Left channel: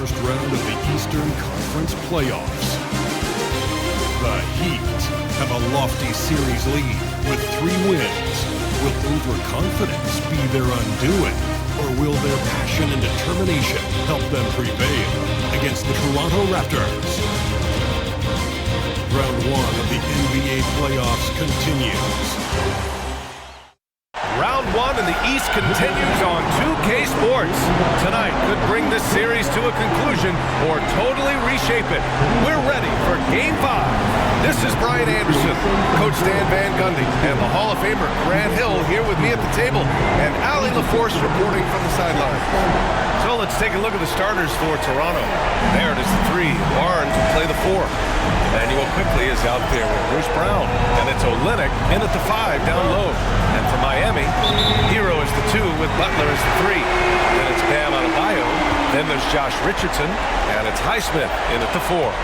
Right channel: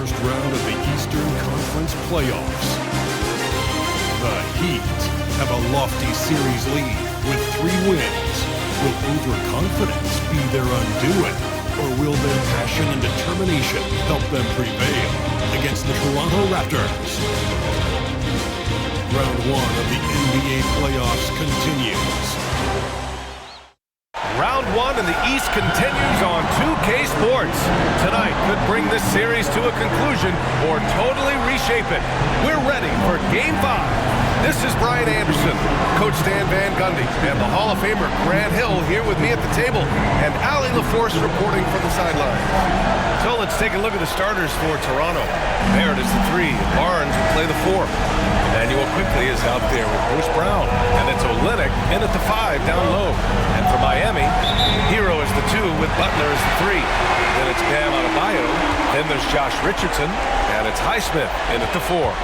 first round of the Eastern Conference playoffs. The Heat have a lofty series lead with 3 wins. Will overconfidence be their undoing, or will their passion and determination help them prevail against the Toronto Raptors? Round 1 of the NBA playoffs continues. Round 1 in the East continues on 2K Sports. Tonight could bring this series to a conclusion or totally reshape it. We're ready for Game 5. This is Brian Anderson, Coach Dan Van Gundy, and the Hall of Famer Grant Hill here with me at the table, and Allie LaForce reporting from the sideline. So let's take a look at the starters for Toronto. Barrett is the 3, and Barnes will play the 4. Emmanuel quickly is out there with Bruce Brown, and it's Olynyk in at the 5 down low. And for Miami, Hero is the 2 with Butler as the 3. Then it's Bam Adebayo, then there's Josh Richardson, and it's Naismith in at the 4.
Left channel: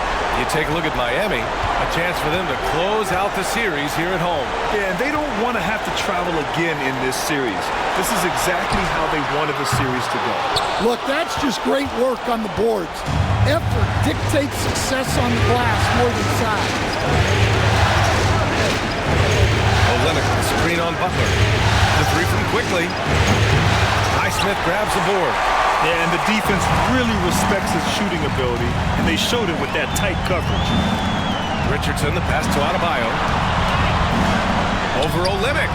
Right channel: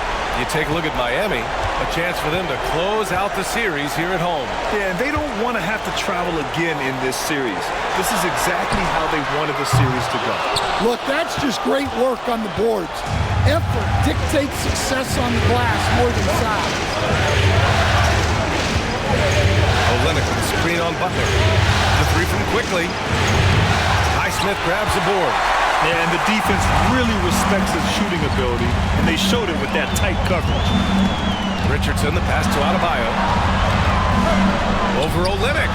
You take a look at Miami, a chance for them to close out the series here at home. Yeah, and they don't want to have to travel again in this series. This is exactly how they wanted the series to go. Look, that's just great work on the boards. Effort dictates success on the glass more than size. Olynyk with a screen on Butler. The 3 from quickly. Naismith grabs the board. Yeah, and the defense really respects his shooting ability, and they showed it with that tight coverage. Richardson, the pass to Adebayo. Over Olynyk.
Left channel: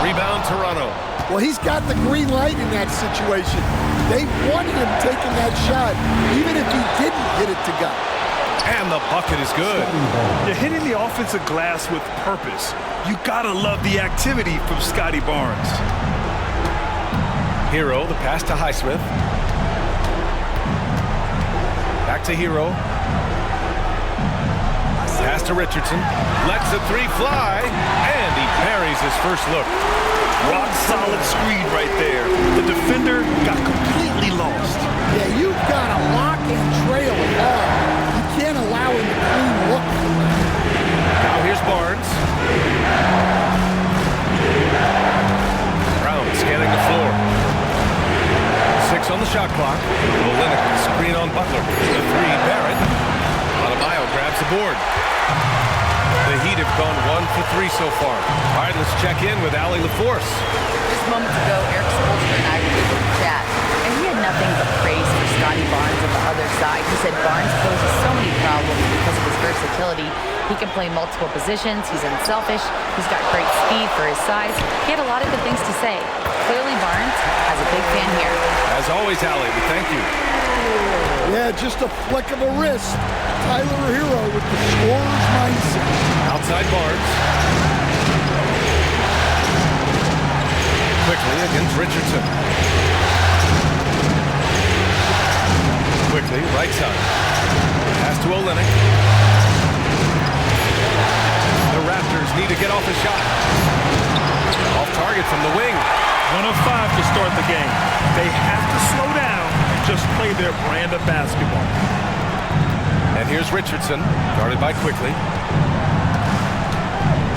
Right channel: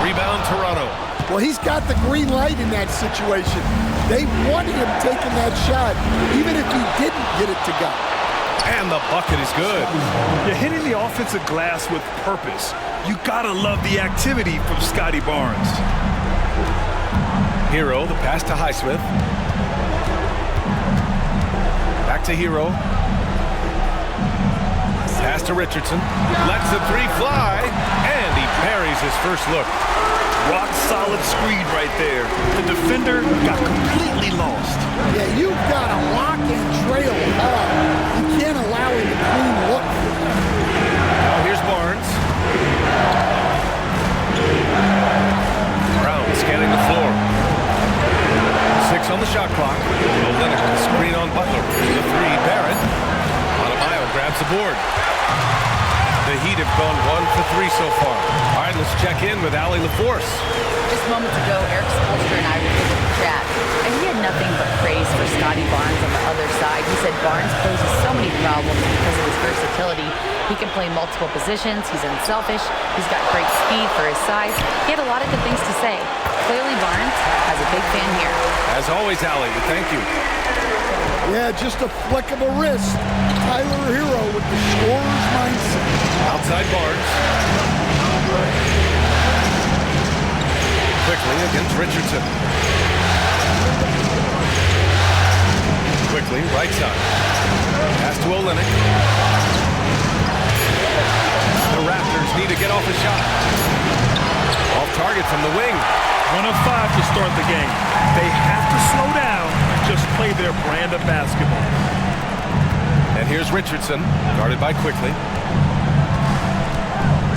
Rebound Toronto. Well, he's got the green light in that situation. They want him taking that shot, even if he didn't get it to go. And the bucket is good. You're hitting the offensive glass with purpose. You gotta love the activity from Scotty Barnes. Hero, the pass to Highsmith. Back to Hero. Pass to Richardson. Lets the 3 fly, and he buries his first look. Rock solid screen right there. The defender got completely lost. Yeah, you've got to lock and trail hard. You can't allow him to clean look for that. Now here's Barnes. Brown scanning the floor. 6 on the shot clock. Olynyk with the screen on Butler. The 3, Barrett. Adebayo grabs the board. The Heat have gone 1 for 3 so far. All right, let's check in with Allie LaForce. Just moments ago, Eric Spoelstra and I were able to chat, and he had nothing but praise for Scotty Barnes on the other side. He said Barnes poses so many problems because of his versatility. He can play multiple positions. He's unselfish. He's got great speed for his size. He had a lot of good things to say. Clearly, Barnes has a big fan here. As always, Allie, we thank you. Yeah, just a flick of a wrist. Tyler Hero with the scorer's mindset. Outside Barnes. Quickly against Richardson. Quickly, right side. Pass to Olynyk. The Raptors need to get off a shot. Off target from the wing. 1 of 5 to start the game. They have to slow down and just play their brand of basketball. And here's Richardson, guarded by Quickly.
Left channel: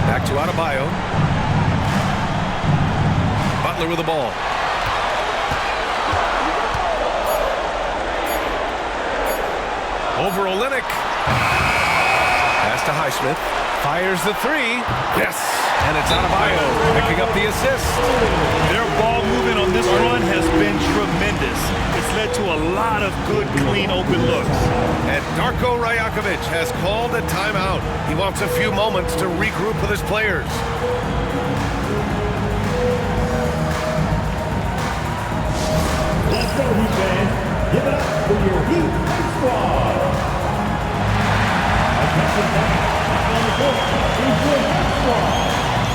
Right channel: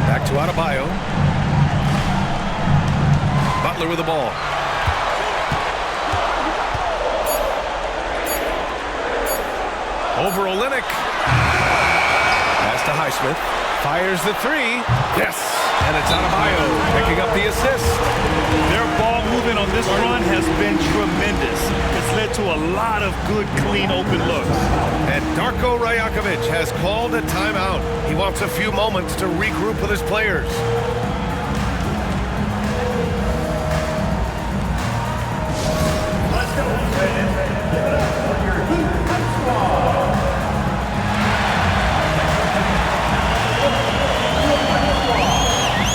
Back to Adebayo. Butler with the ball. Over Olynyk. Pass to Highsmith. Fires the 3. Yes! And it's Adebayo picking up the assist. Their ball movement on this run has been tremendous. It's led to a lot of good, clean, open looks. And Darko Rajakovic has called a timeout. He wants a few moments to regroup with his players. Let's go, Heat fans. Give it up for your Heat High Squad.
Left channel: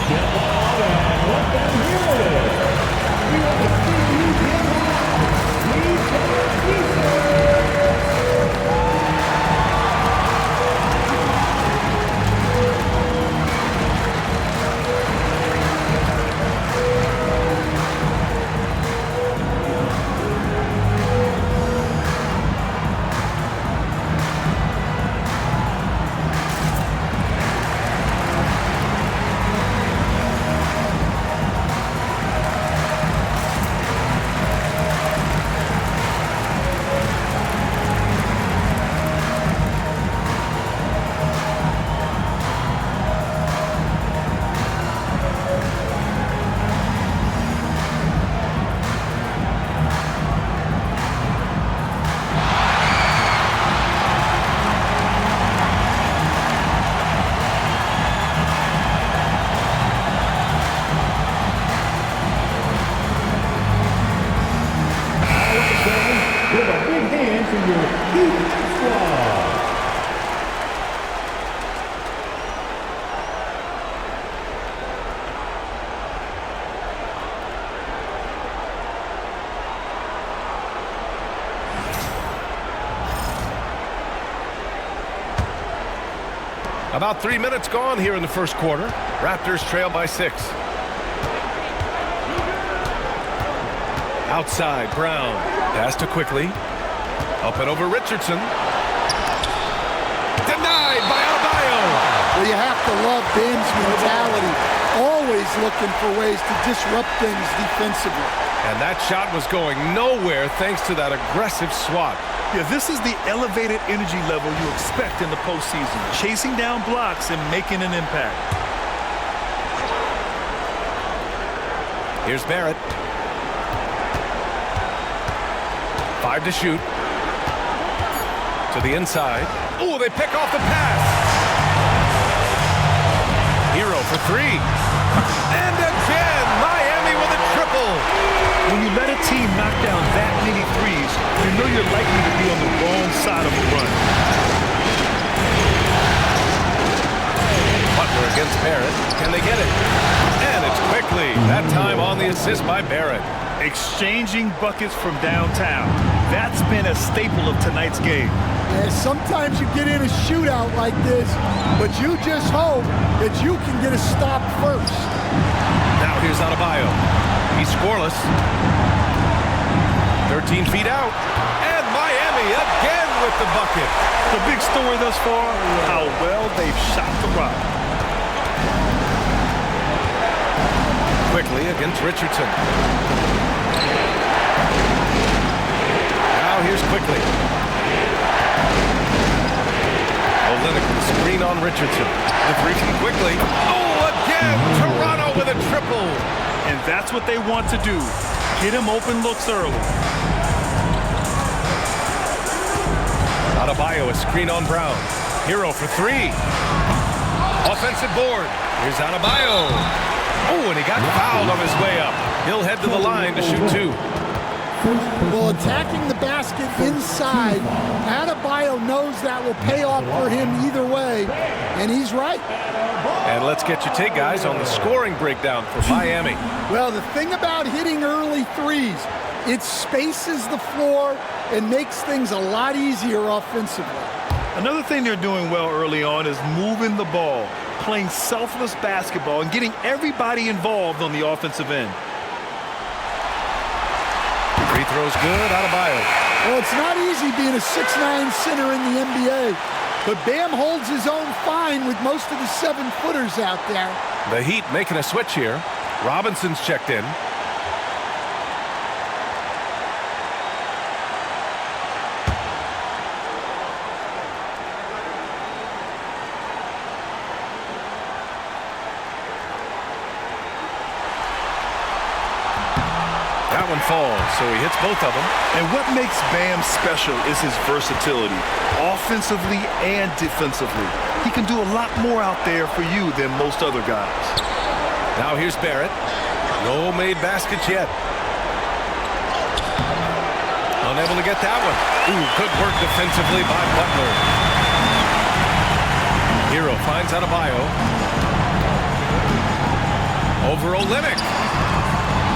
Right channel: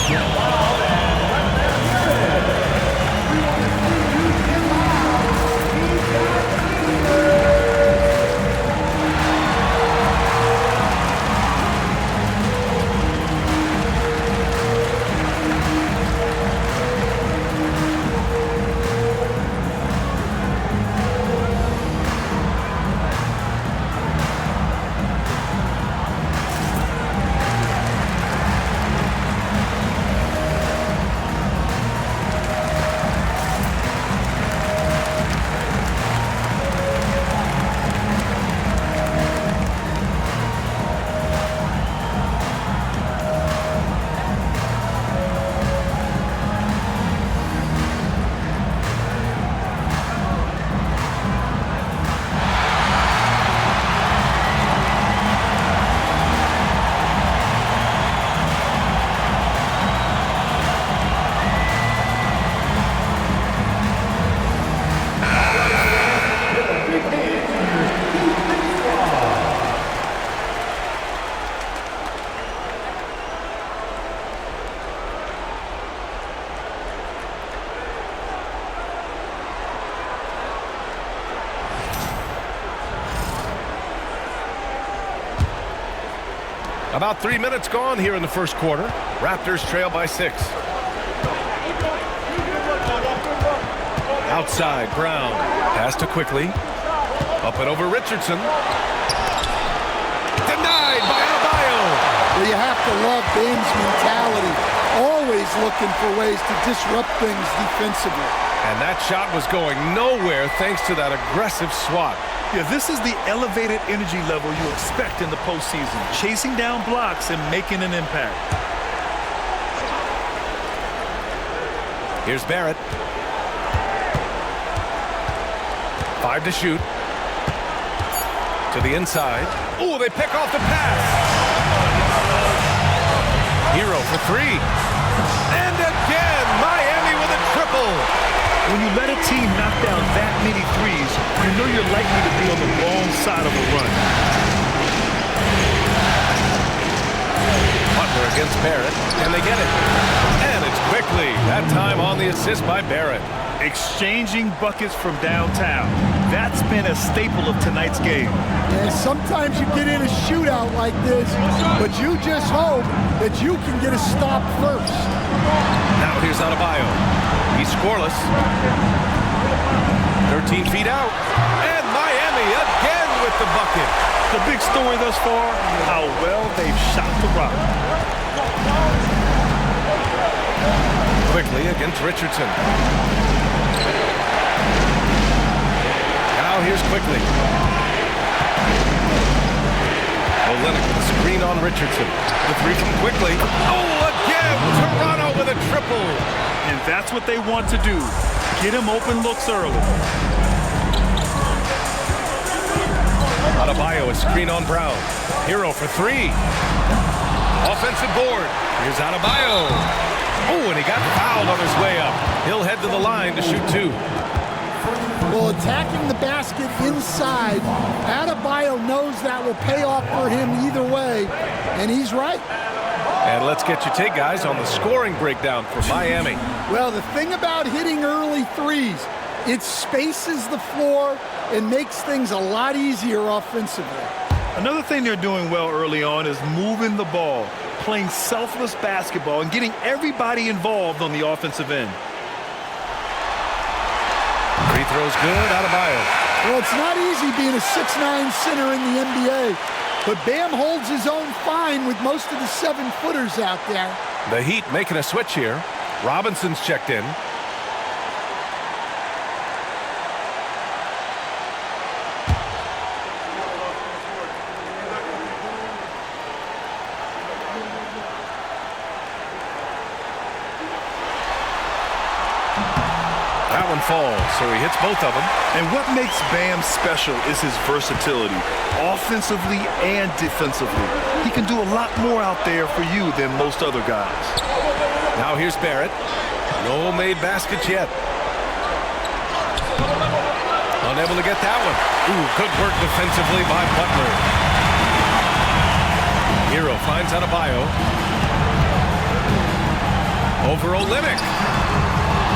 Get involved and let them hear it. We want to see you get loud. We've got Heat. Heat Extra. About 3 minutes gone here in the first quarter. Raptors trail by 6. Outside, Brown. Pass to Quickly. Up and over Richardson. Denied by Adebayo. Well, you have to love Bam's mentality. Always looking for ways to disrupt things defensively. And that shot was going nowhere thanks to that aggressive swat. Yeah, this is the elevated energy level you expect in the postseason. Chasing down blocks and making an impact. Here's Barrett. 5 to shoot. To the inside. Oh, they pick off the pass. Hero for 3. And again, Miami with a triple. When you let a team knock down that many threes, you know you're likely to be on the wrong side of a run. Butler against Barrett. Can they get it? And it's Quickly. That time on the assist by Barrett. Exchanging buckets from downtown. That's been a staple of tonight's game. Yeah, sometimes you get in a shootout like this, but you just hope that you can get a stop first. Now here's Adebayo. He's scoreless. 13 feet out. And Miami again with the bucket. The big story thus far, how well they've shot the rock. Quickly against Richardson. Now here's Quickly. Olynyk with a screen on Richardson. The 3 from Quickly. Oh, again! Toronto with a triple. And that's what they want to do. Get him open looks early. Adebayo, a screen on Brown. Hero for 3. Offensive board. Here's Adebayo. Oh, and he got fouled on his way up. He'll head to the line to shoot 2. Well, attacking the basket inside, Adebayo knows that will pay off for him either way, and he's right. And let's get your take, guys, on the scoring breakdown for Miami. Well, the thing about hitting early threes, it spaces the floor and makes things a lot easier offensively. Another thing they're doing well early on is moving the ball, playing selfless basketball, and getting everybody involved on the offensive end. Free throw's good. Adebayo. Well, it's not easy being a 6'9" center in the NBA, but Bam holds his own fine with most of the 7-footers out there. The Heat making a switch here. Robinson's checked in. That one falls, so he hits both of them. And what makes Bam special is his versatility, offensively and defensively. He can do a lot more out there for you than most other guys. Now here's Barrett. No made baskets yet. Unable to get that one. Ooh, good work defensively by Butler. Hero finds Adebayo. Over Olynyk.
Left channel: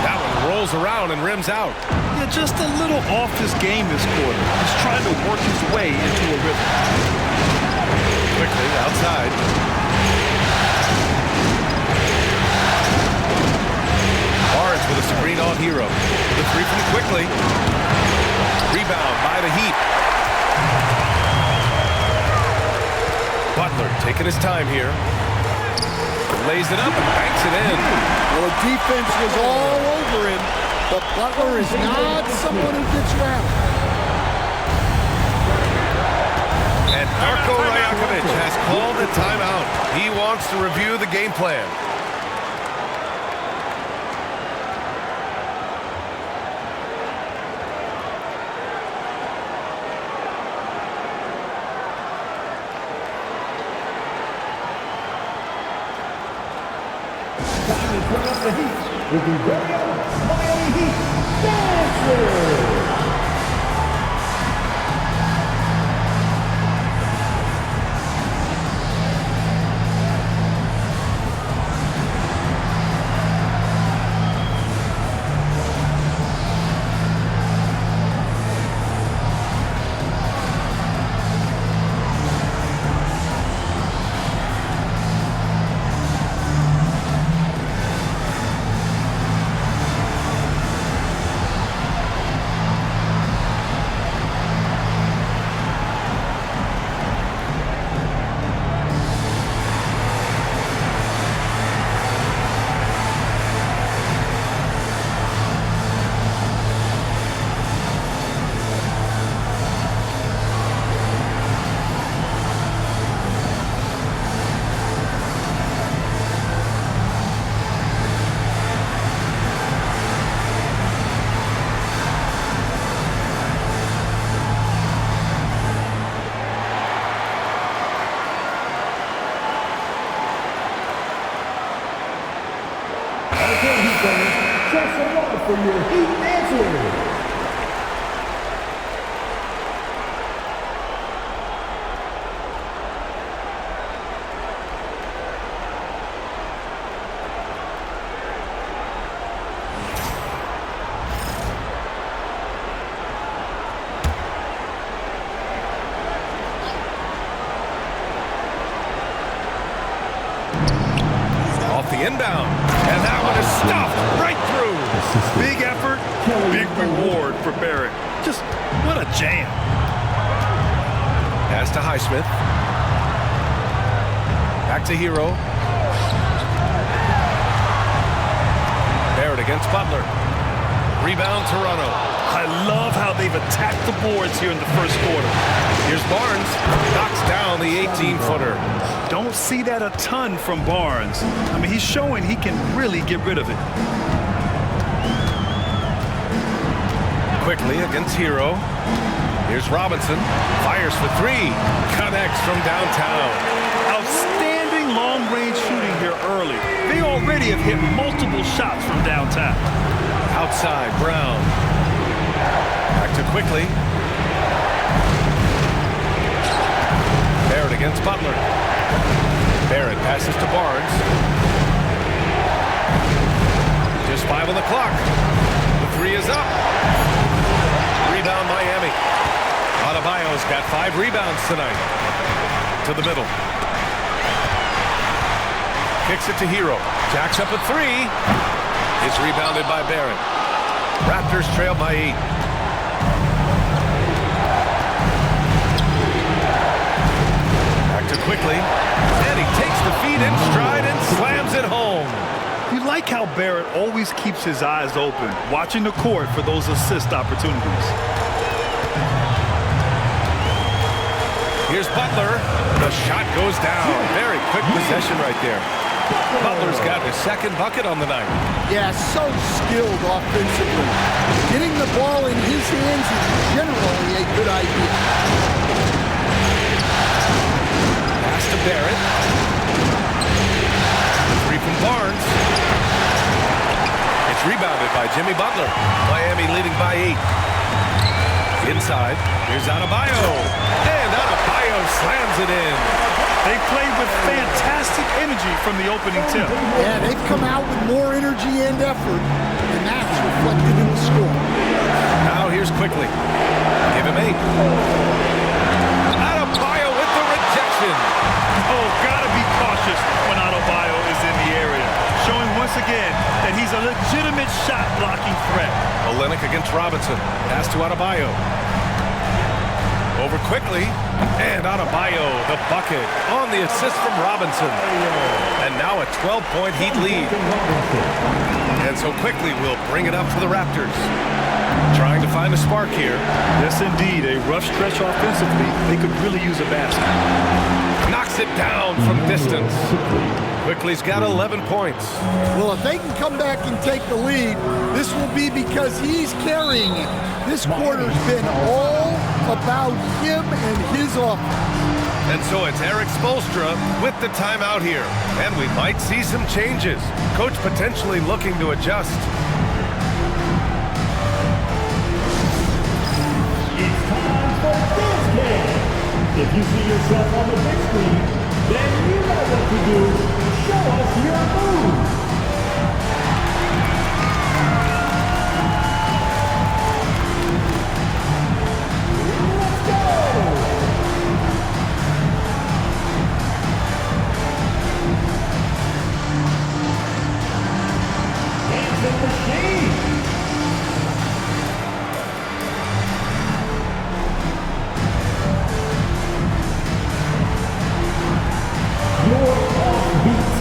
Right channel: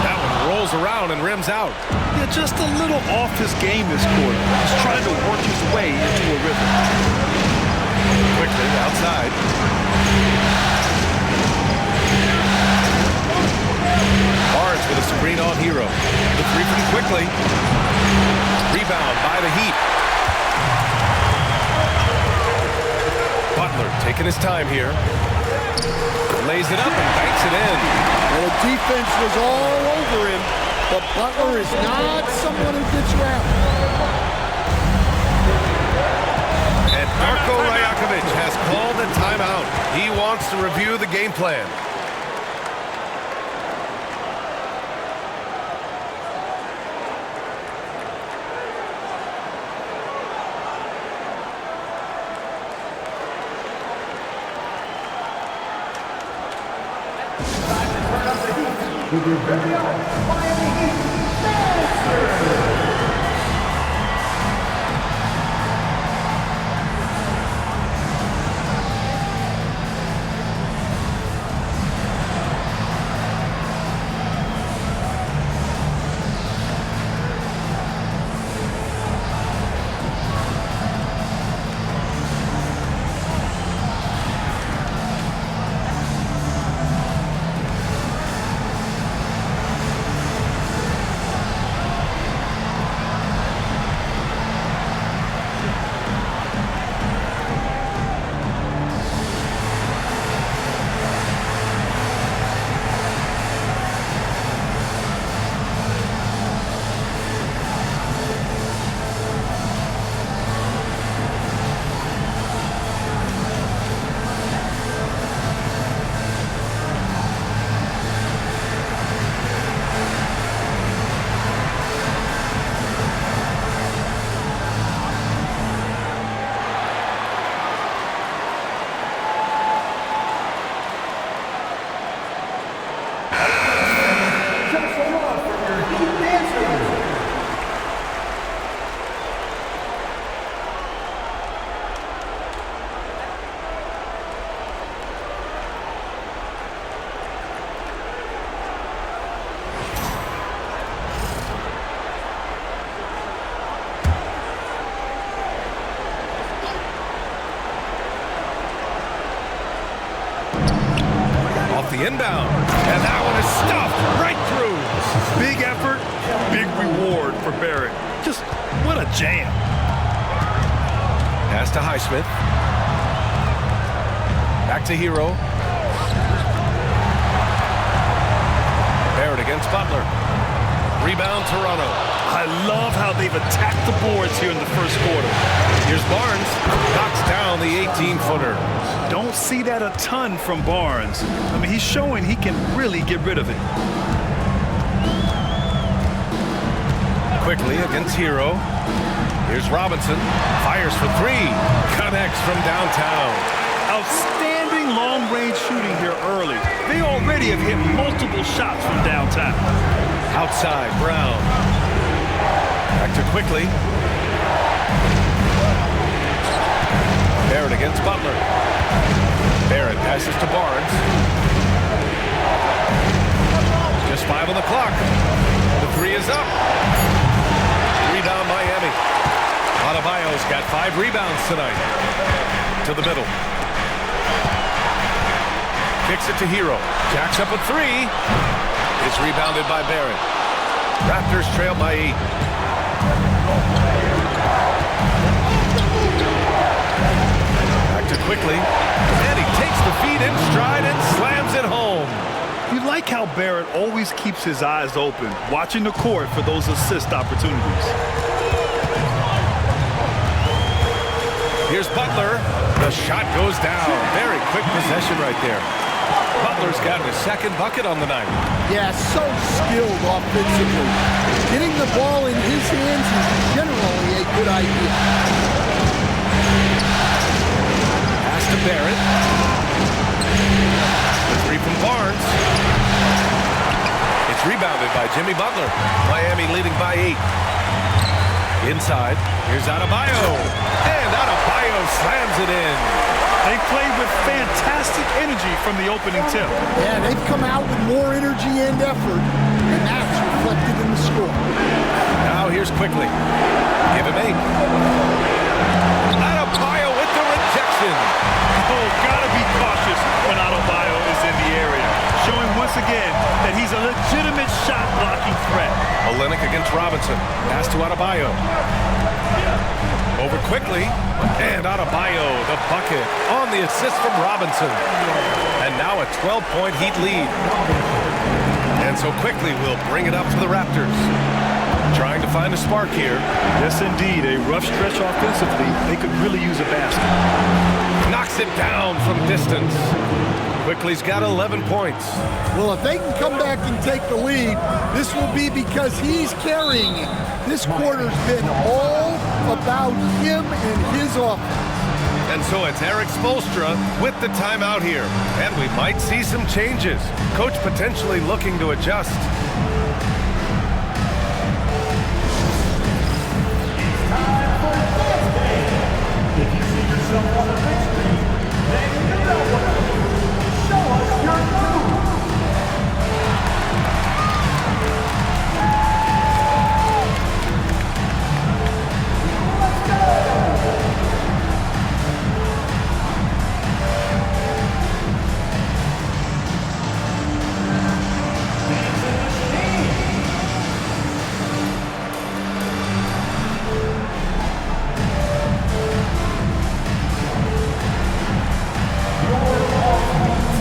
That one rolls around and rims out. Yeah, just a little off his game this quarter. He's trying to work his way into a rhythm. Quickly outside. Barnes with a screen on Hero. The 3 from Quickly. Rebound by the Heat. Butler taking his time here. Lays it up and banks it in. Well, the defense was all over him, but Butler is not someone who gets wrapped. And Darko Rajakovic has called a timeout. He wants to review the game plan. The Heat with your very own Miami Heat Celtics. show some love for your Heat dancers. Off the inbound, and that one is stuffed right through. Big effort, big reward for Barrett. Just what a jam. Pass to Naismith. Back to Hero. Barrett against Butler. Rebound Toronto. I love how they've attacked the boards here in the first quarter. Here's Barnes. Knocks down the 18-footer. Don't see that a ton from Barnes. I mean, he's showing he can really get rid of it. Quickly against Hero. Here's Robinson. Fires for three. Connects from downtown. Outstanding long-range shooting here early. They already have hit multiple shots from downtown. Outside, Brown. Back to Quickly. Barrett against Butler. Barrett passes to Barnes. Just 5 on the clock. The three is up. Rebound Miami. Adebayo's got 5 rebounds tonight. To the middle. Kicks it to Hero. Jacks up a 3. It's rebounded by Barrett. Raptors trail by 8. Back to Quickly. And he takes the feed in stride and slams it home. You like how Barrett always keeps his eyes open, watching the court for those assist opportunities. Here's Butler. The shot goes down. Very quick possession right there. Butler's got his second bucket on the night. Yeah, so skilled offensively. Getting the ball in his hands is generally a good idea. Pass to Barrett. The three from Barnes. It's rebounded by Jimmy Butler. Miami leading by 8. Inside, here's Adebayo. And Adebayo slams it in. They played with fantastic energy from the opening tip. Yeah, they've come out with more energy and effort, and that's reflected in the score. Now here's Quickly. Give him 8. Adebayo with the rejection. Oh, gotta be cautious when Adebayo is in the area. Showing once again that he's a legitimate shot-blocking threat. Olynyk against Robinson. Pass to Adebayo. Over Quickly. And Adebayo, the bucket on the assist from Robinson. And now a 12-point Heat lead. And so Quickly will bring it up for the Raptors. Trying to find a spark here. Yes, indeed. A rough stretch offensively. They could really use a basket. Knocks it down from distance. Quickly's got 11 points. Well, if they can come back and take the lead, this will be because he's carrying it. This quarter's been all about him and his offense. And so it's Eric Spoelstra with the timeout here. And we might see some changes. Coach potentially looking to adjust. It's time for Dance Game. If you see yourself on the big screen, then you know what to do. Show us your move. Let's go. Dancing machine. Your offbeat.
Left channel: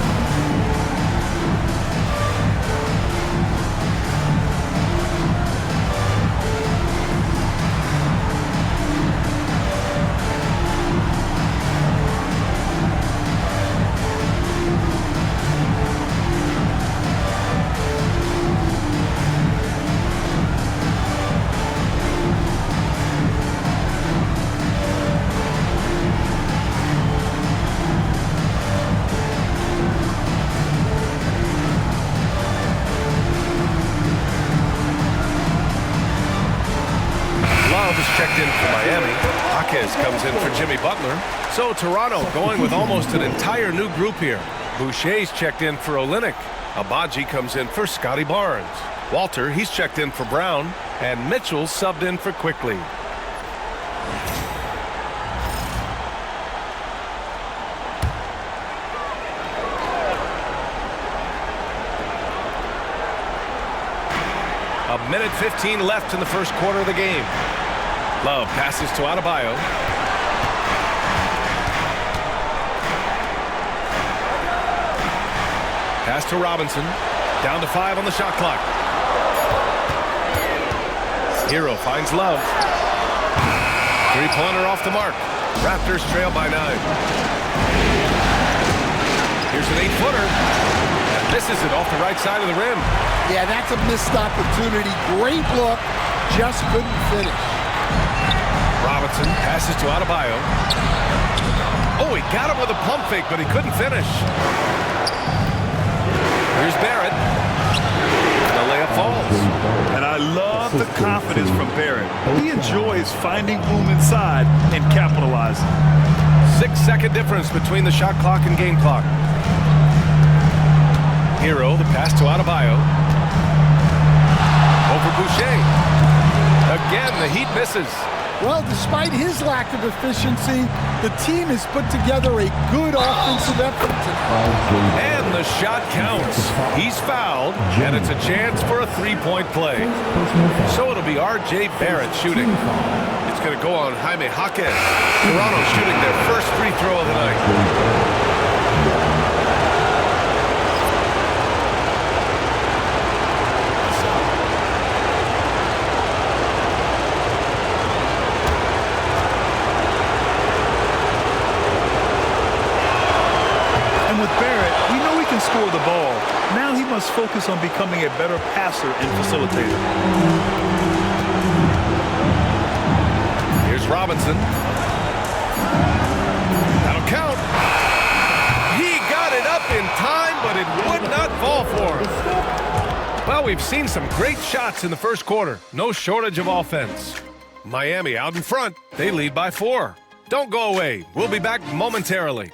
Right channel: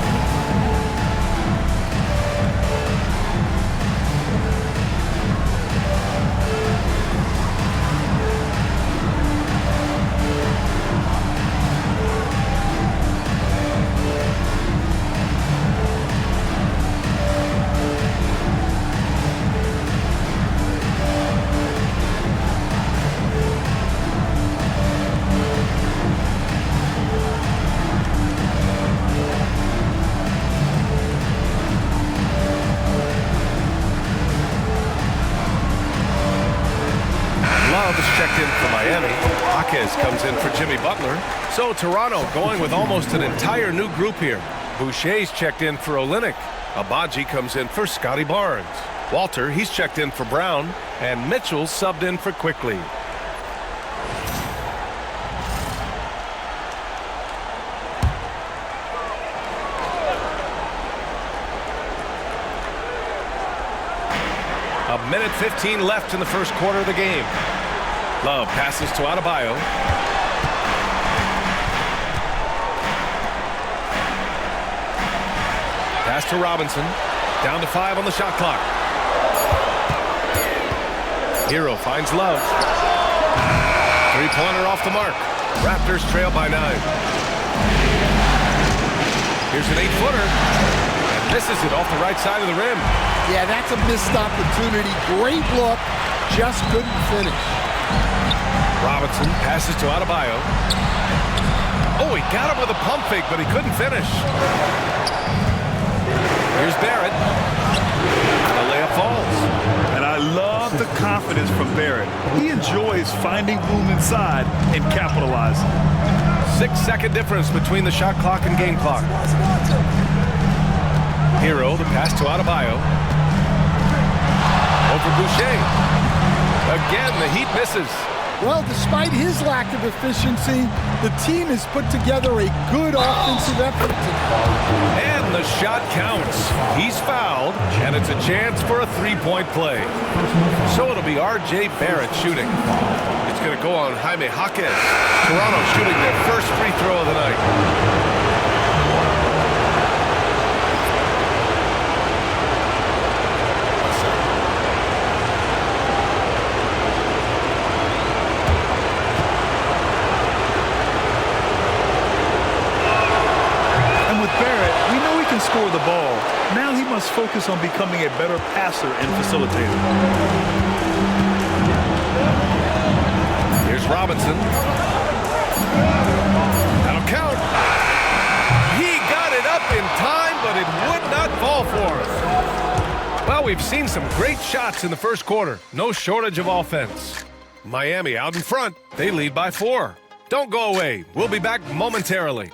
Love is checked in for Miami. Jaquez comes in for Jimmy Butler. So Toronto going with almost an entire new group here. Boucher's checked in for Olynyk. Abaji comes in for Scotty Barnes. Walter, he's checked in for Brown. And Mitchell subbed in for Quickly. A minute 15 left in the first quarter of the game. Love passes to Adebayo. Pass to Robinson. Down to 5 on the shot clock. Hero finds Love. Three-pointer off the mark. Raptors trail by 9. Here's an 8-footer. And misses it off the right side of the rim. Yeah, that's a missed opportunity. Great look, just couldn't finish. Robinson passes to Adebayo. Oh, he got him with a pump fake, but he couldn't finish. Here's Barrett. And the layup falls. And I love the confidence from Barrett. He enjoys finding room inside and capitalizing. 6-second difference between the shot clock and game clock. Hero, the pass to Adebayo. Over Boucher. Again, the Heat misses. Well, despite his lack of efficiency, the team has put together a good offensive effort tonight. And the shot counts. He's fouled, and it's a chance for a three-point play. So it'll be R.J. Barrett shooting. It's going to go on Jaime Jaquez. Toronto shooting their first free throw of the night. And with Barrett, we know he can score the ball. Now he must focus on becoming a better passer and facilitator. Here's Robinson. That'll count. He got it up in time, but it would not fall for him. Well, we've seen some great shots in the first quarter. No shortage of offense. Miami out in front. They lead by 4. Don't go away. We'll be back momentarily.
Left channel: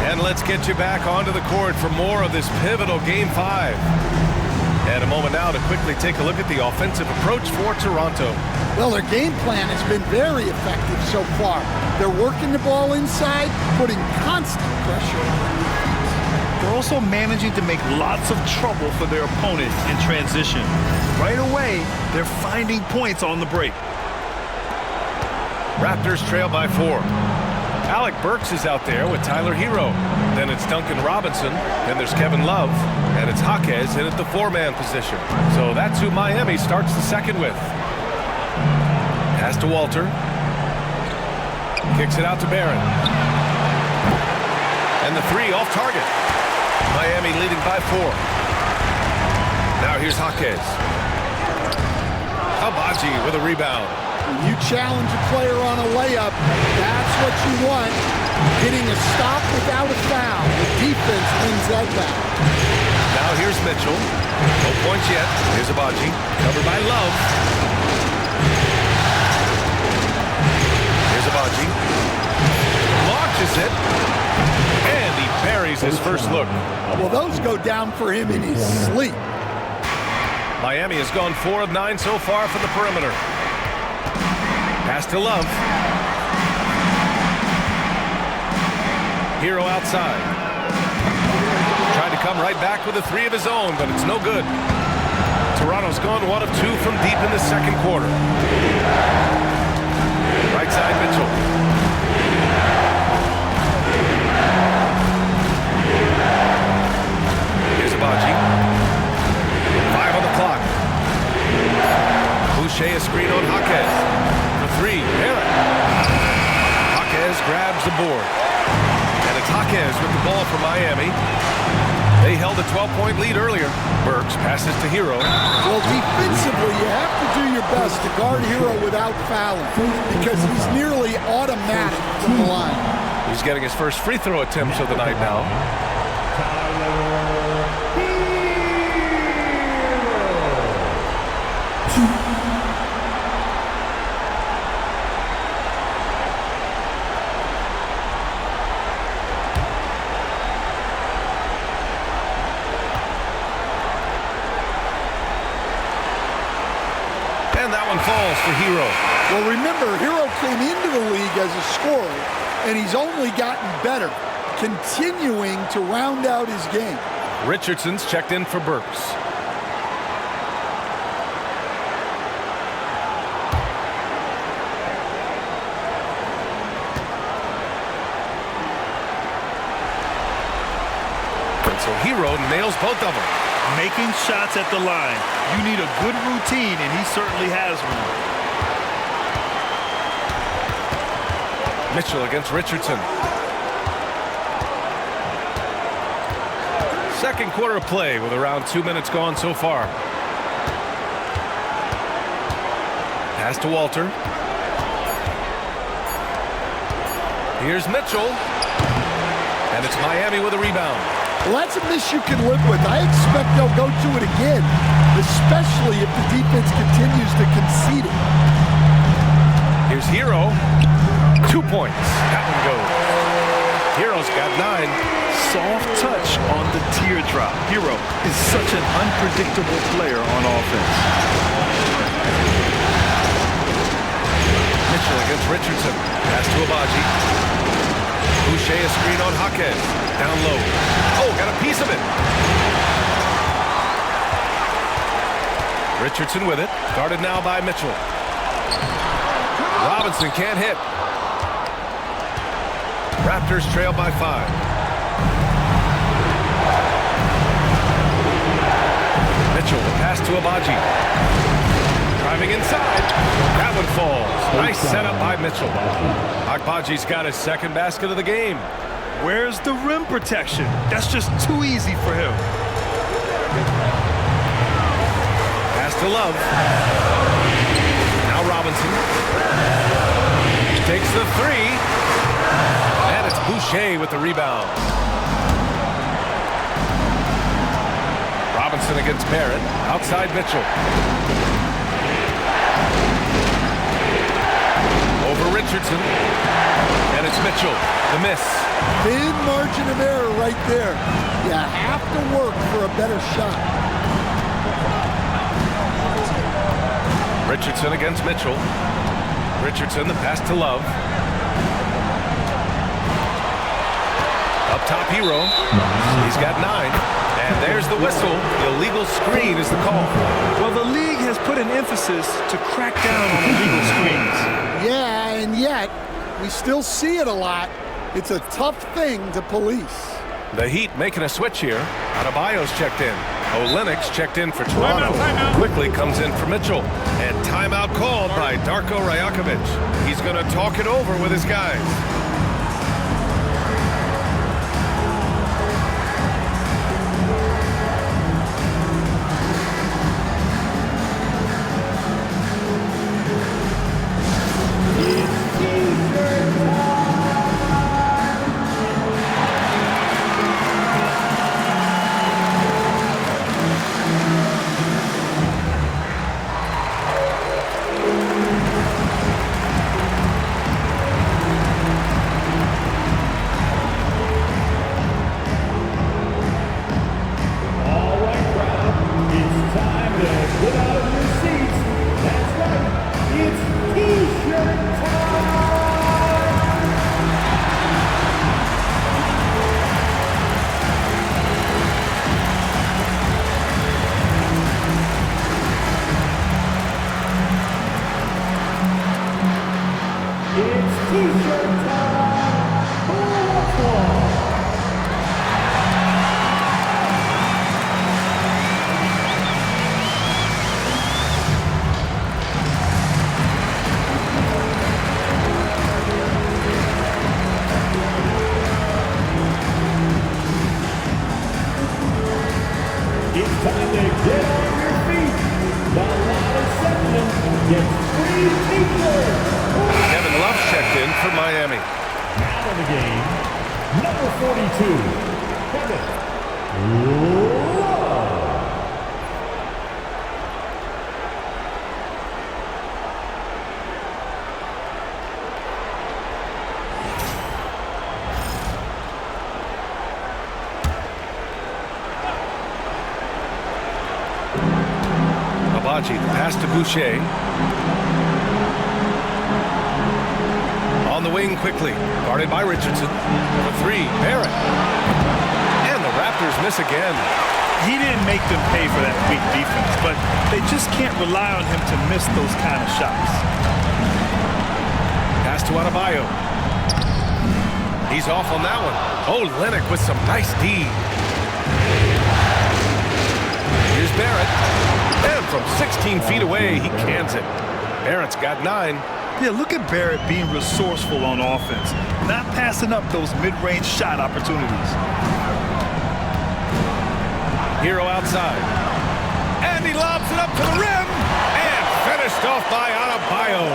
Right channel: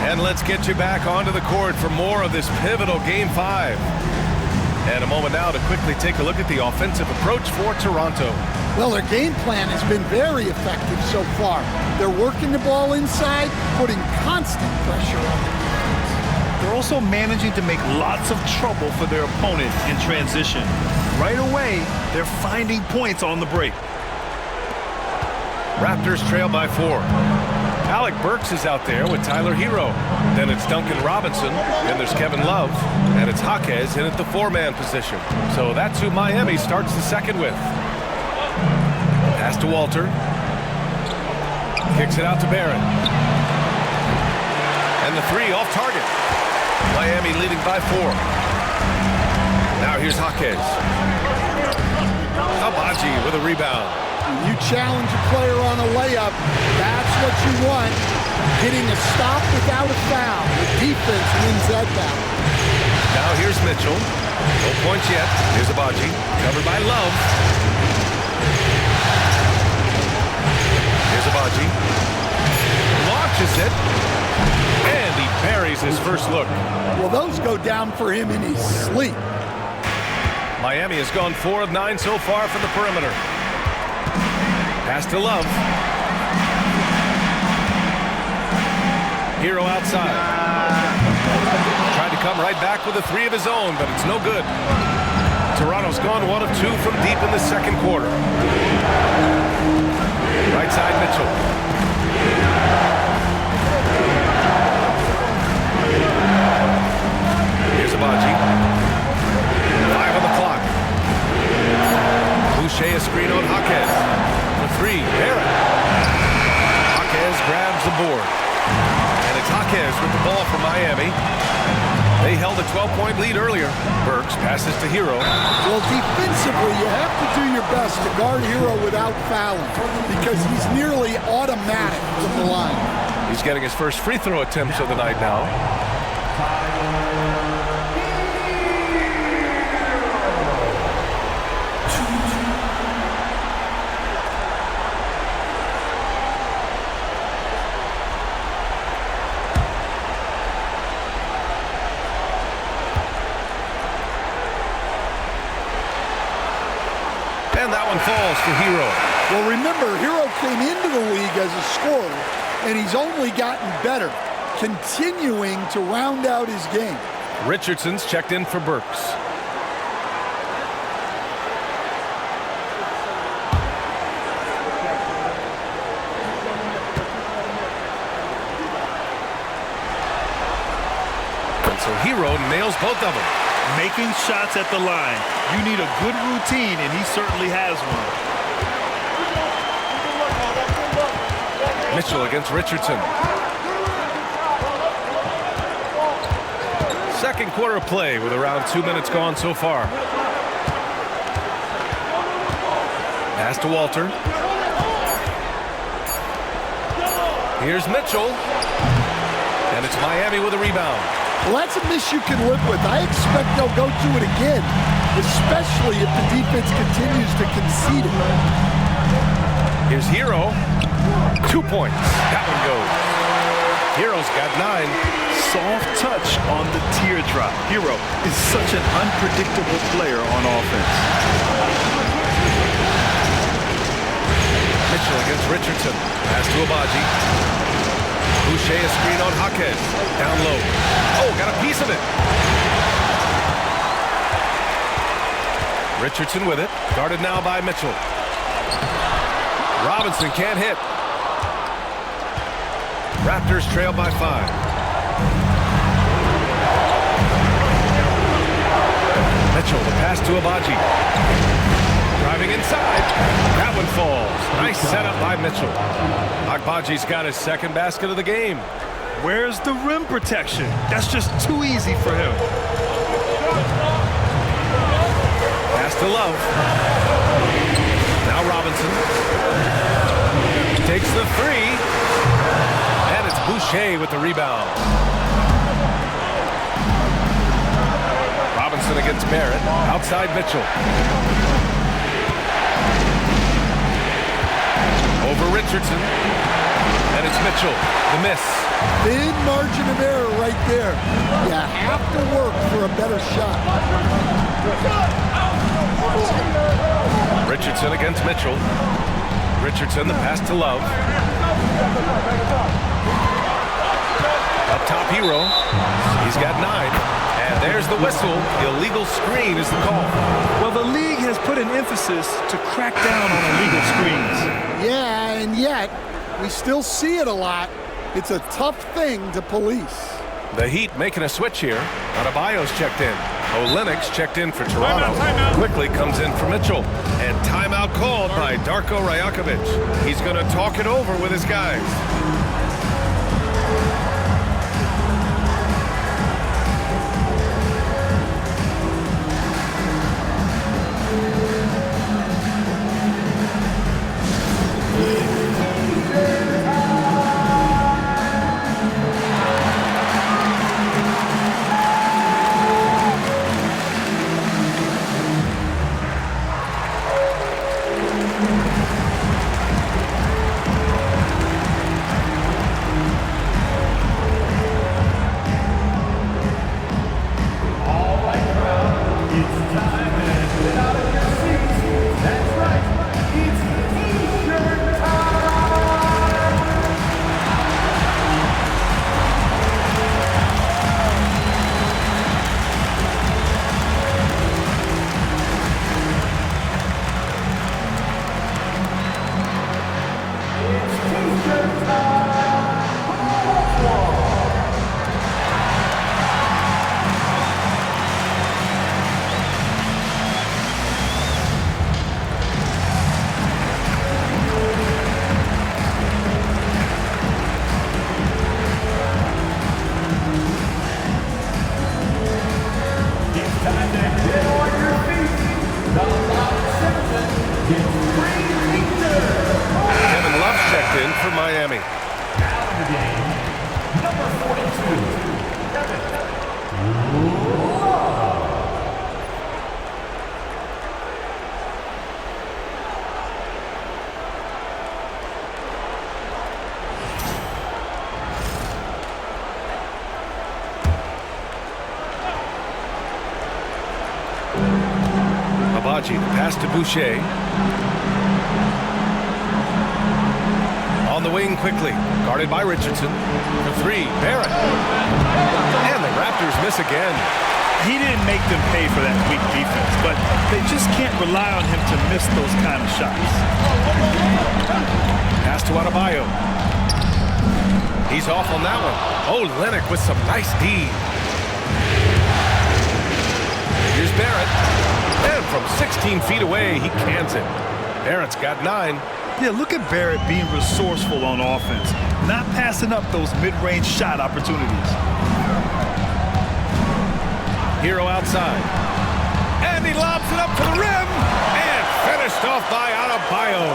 And let's get you back onto the court for more of this pivotal Game 5. And a moment now to quickly take a look at the offensive approach for Toronto. Well, their game plan has been very effective so far. They're working the ball inside, putting constant pressure on the defense. They're also managing to make lots of trouble for their opponent in transition. Right away, they're finding points on the break. Raptors trail by 4. Alec Burks is out there with Tyler Hero. Then it's Duncan Robinson. Then there's Kevin Love. And it's Jaquez in at the 4-man position. So that's who Miami starts the second with. Pass to Walter. Kicks it out to Barrett. And the 3 off target. Miami leading by 4. Now here's Jaquez. Abaji with a rebound. When you challenge a player on a layup, that's what you want. Getting a stop without a foul. The defense wins that battle. Now here's Mitchell. No points yet. Here's Abaji. Covered by Love. Here's Abaji. Launches it. And he buries his first look. Well, those go down for him in his sleep. Miami has gone 4 of 9 so far from the perimeter. Pass to Love. Hero outside. Tried to come right back with a 3 of his own, but it's no good. Toronto's gone 1 of 2 from deep in the second quarter. Right side, Mitchell. Here's Abaji. 5 on the clock. Boucher a screen on Jaquez. For 3, Barrett. Jaquez grabs the board. And it's Jaquez with the ball for Miami. They held a 12-point lead earlier. Burks passes to Hero. Well, defensively, you have to do your best to guard Hero without fouling because he's nearly automatic from the line. He's getting his first free throw attempts of the night now. And that one falls for Hero. Well, remember, Hero came into the league as a scorer, and he's only gotten better, continuing to round out his game. Richardson's checked in for Burks. And so Hero nails both of them. Making shots at the line. You need a good routine, and he certainly has one. Mitchell against Richardson. Second quarter of play with around 2 minutes gone so far. Pass to Walter. Here's Mitchell. And it's Miami with a rebound. Well, that's a miss you can live with. I expect they'll go to it again, especially if the defense continues to concede it. Here's Hero. 2 points. That one goes. Hero's got 9. Soft touch on the teardrop. Hero is such an unpredictable player on offense. Mitchell against Richardson. Pass to Abaji. Boucher a screen on Jaquez. Down low. Oh, got a piece of it. Richardson with it. Guarded now by Mitchell. Robinson can't hit. Raptors trail by 5. Mitchell, the pass to Abaji. Driving inside. That one falls. Nice setup by Mitchell. Abaji's got his second basket of the game. Where's the rim protection? That's just too easy for him. Pass to Love. Now Robinson. Takes the 3. And it's Boucher with the rebound. Robinson against Barrett. Outside Mitchell. Over Richardson. And it's Mitchell. The miss. Thin margin of error right there. You have to work for a better shot. Richardson against Mitchell. Richardson, the pass to Love. Up top, Hero. He's got 9. And there's the whistle. Illegal screen is the call. Well, the league has put an emphasis to crack down on illegal screens. Yeah, and yet, we still see it a lot. It's a tough thing to police. The Heat making a switch here. Adebayo's checked in. Olenek's checked in for Toronto. Timeout. Quickly comes in for Mitchell. And timeout called by Darko Rajakovic. He's going to talk it over with his guys. It's time to get on your feet. The loudest section gets free pizza. Kevin Love's checked in for Miami. Now in the game, number 42, Kevin Love. Abaji, the pass to Boucher. On the wing quickly, guarded by Richardson. For three, Barrett. And the Raptors miss again. He didn't make them pay for that weak defense, but they just can't rely on him to miss those kind of shots. Pass to Adebayo. He's off on that one. Oh, Lennox with some nice D. Here's Barrett. And from 16 feet away, he cans it. Barrett's got 9. Yeah, look at Barrett being resourceful on offense, not passing up those mid-range shot opportunities. Hero outside. And he lobs it up to the rim. And finished off by Adebayo.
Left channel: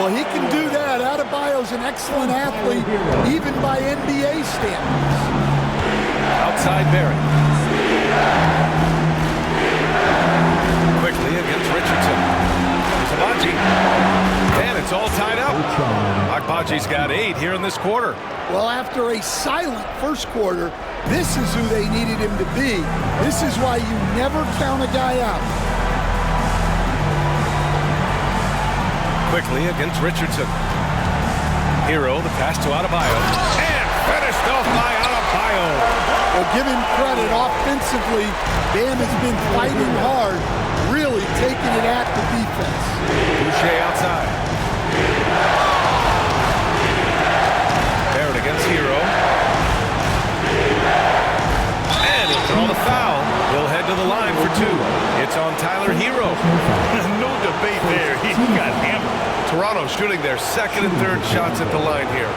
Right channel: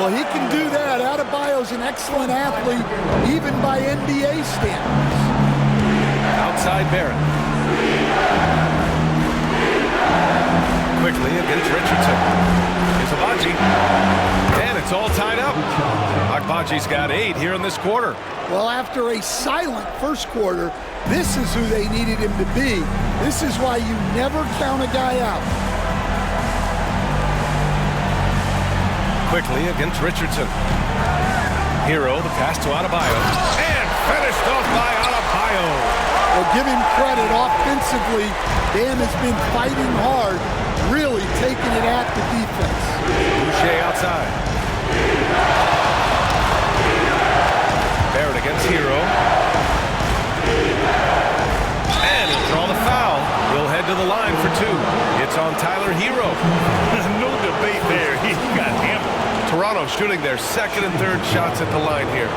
Well, he can do that. Adebayo's an excellent athlete, even by NBA standards. Outside Barrett. Quickly against Richardson. Here's Abaji. And it's all tied up. Agbaji's got 8 here in this quarter. Well, after a silent first quarter, this is who they needed him to be. This is why you never count a guy out. Quickly against Richardson. Hero, the pass to Adebayo. And finished off by Adebayo. Well, give him credit. Offensively, Bam has been fighting hard, really taking it at the defense. Boucher outside. Barrett against Hero. And he'll draw the foul. He'll head to the line for 2. It's on Tyler Hero. No debate there. He got hammered. Toronto shooting their second and third shots at the line here.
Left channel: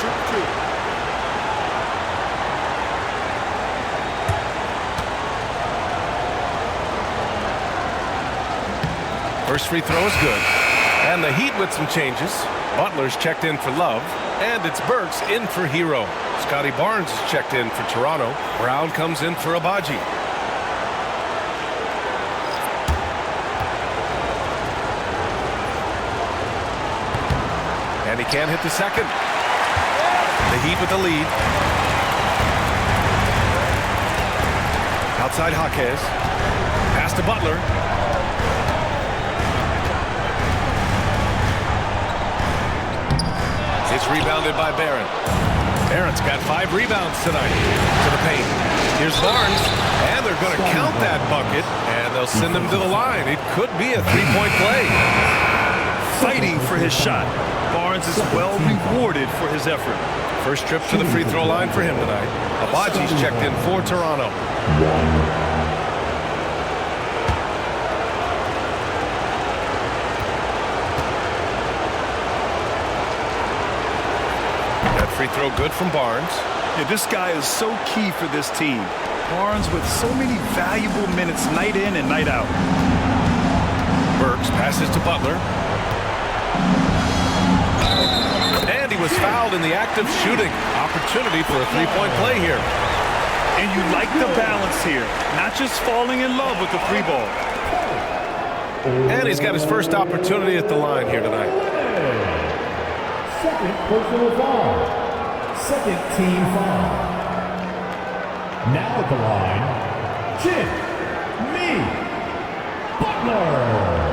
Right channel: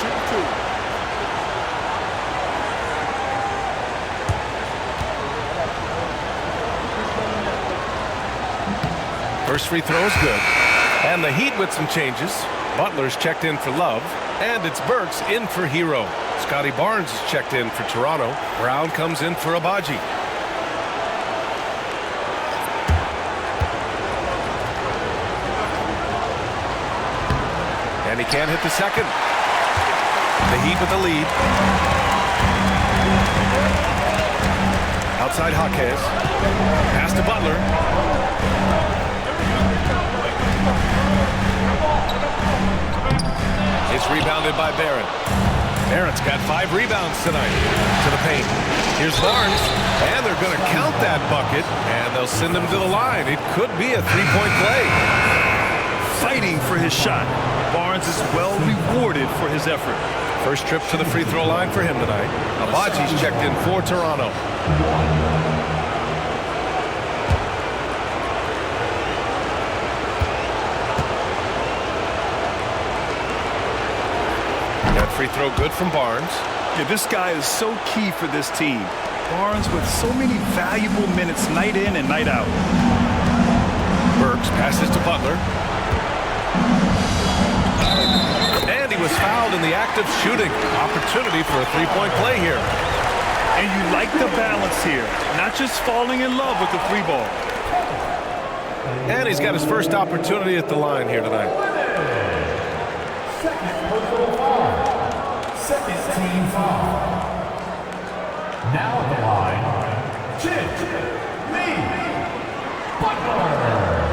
Shoot 2. First free throw is good. And the Heat with some changes. Butler's checked in for Love. And it's Burks in for Hero. Scotty Barnes is checked in for Toronto. Brown comes in for Abaji. And he can't hit the second. The Heat with the lead. Outside Jaquez. Pass to Butler. It's rebounded by Barrett. Barrett's got 5 rebounds tonight to the paint. Here's Barnes, and they're going to count that bucket, and they'll send him to the line. It could be a 3-point play. Fighting for his shot. Barnes is well rewarded for his effort. First trip to the free throw line for him tonight. Abaji's checked in for Toronto. That free throw good from Barnes. Yeah, this guy is so key for this team. Barnes with so many valuable minutes night in and night out. Burks passes to Butler. And he was fouled in the act of shooting. Opportunity for a 3-point play here. And you like the balance here. Not just falling in love with the 3 ball. And he's got his first opportunity at the line here tonight. Second personal foul. Second team foul. Now at the line, Jimmy Butler.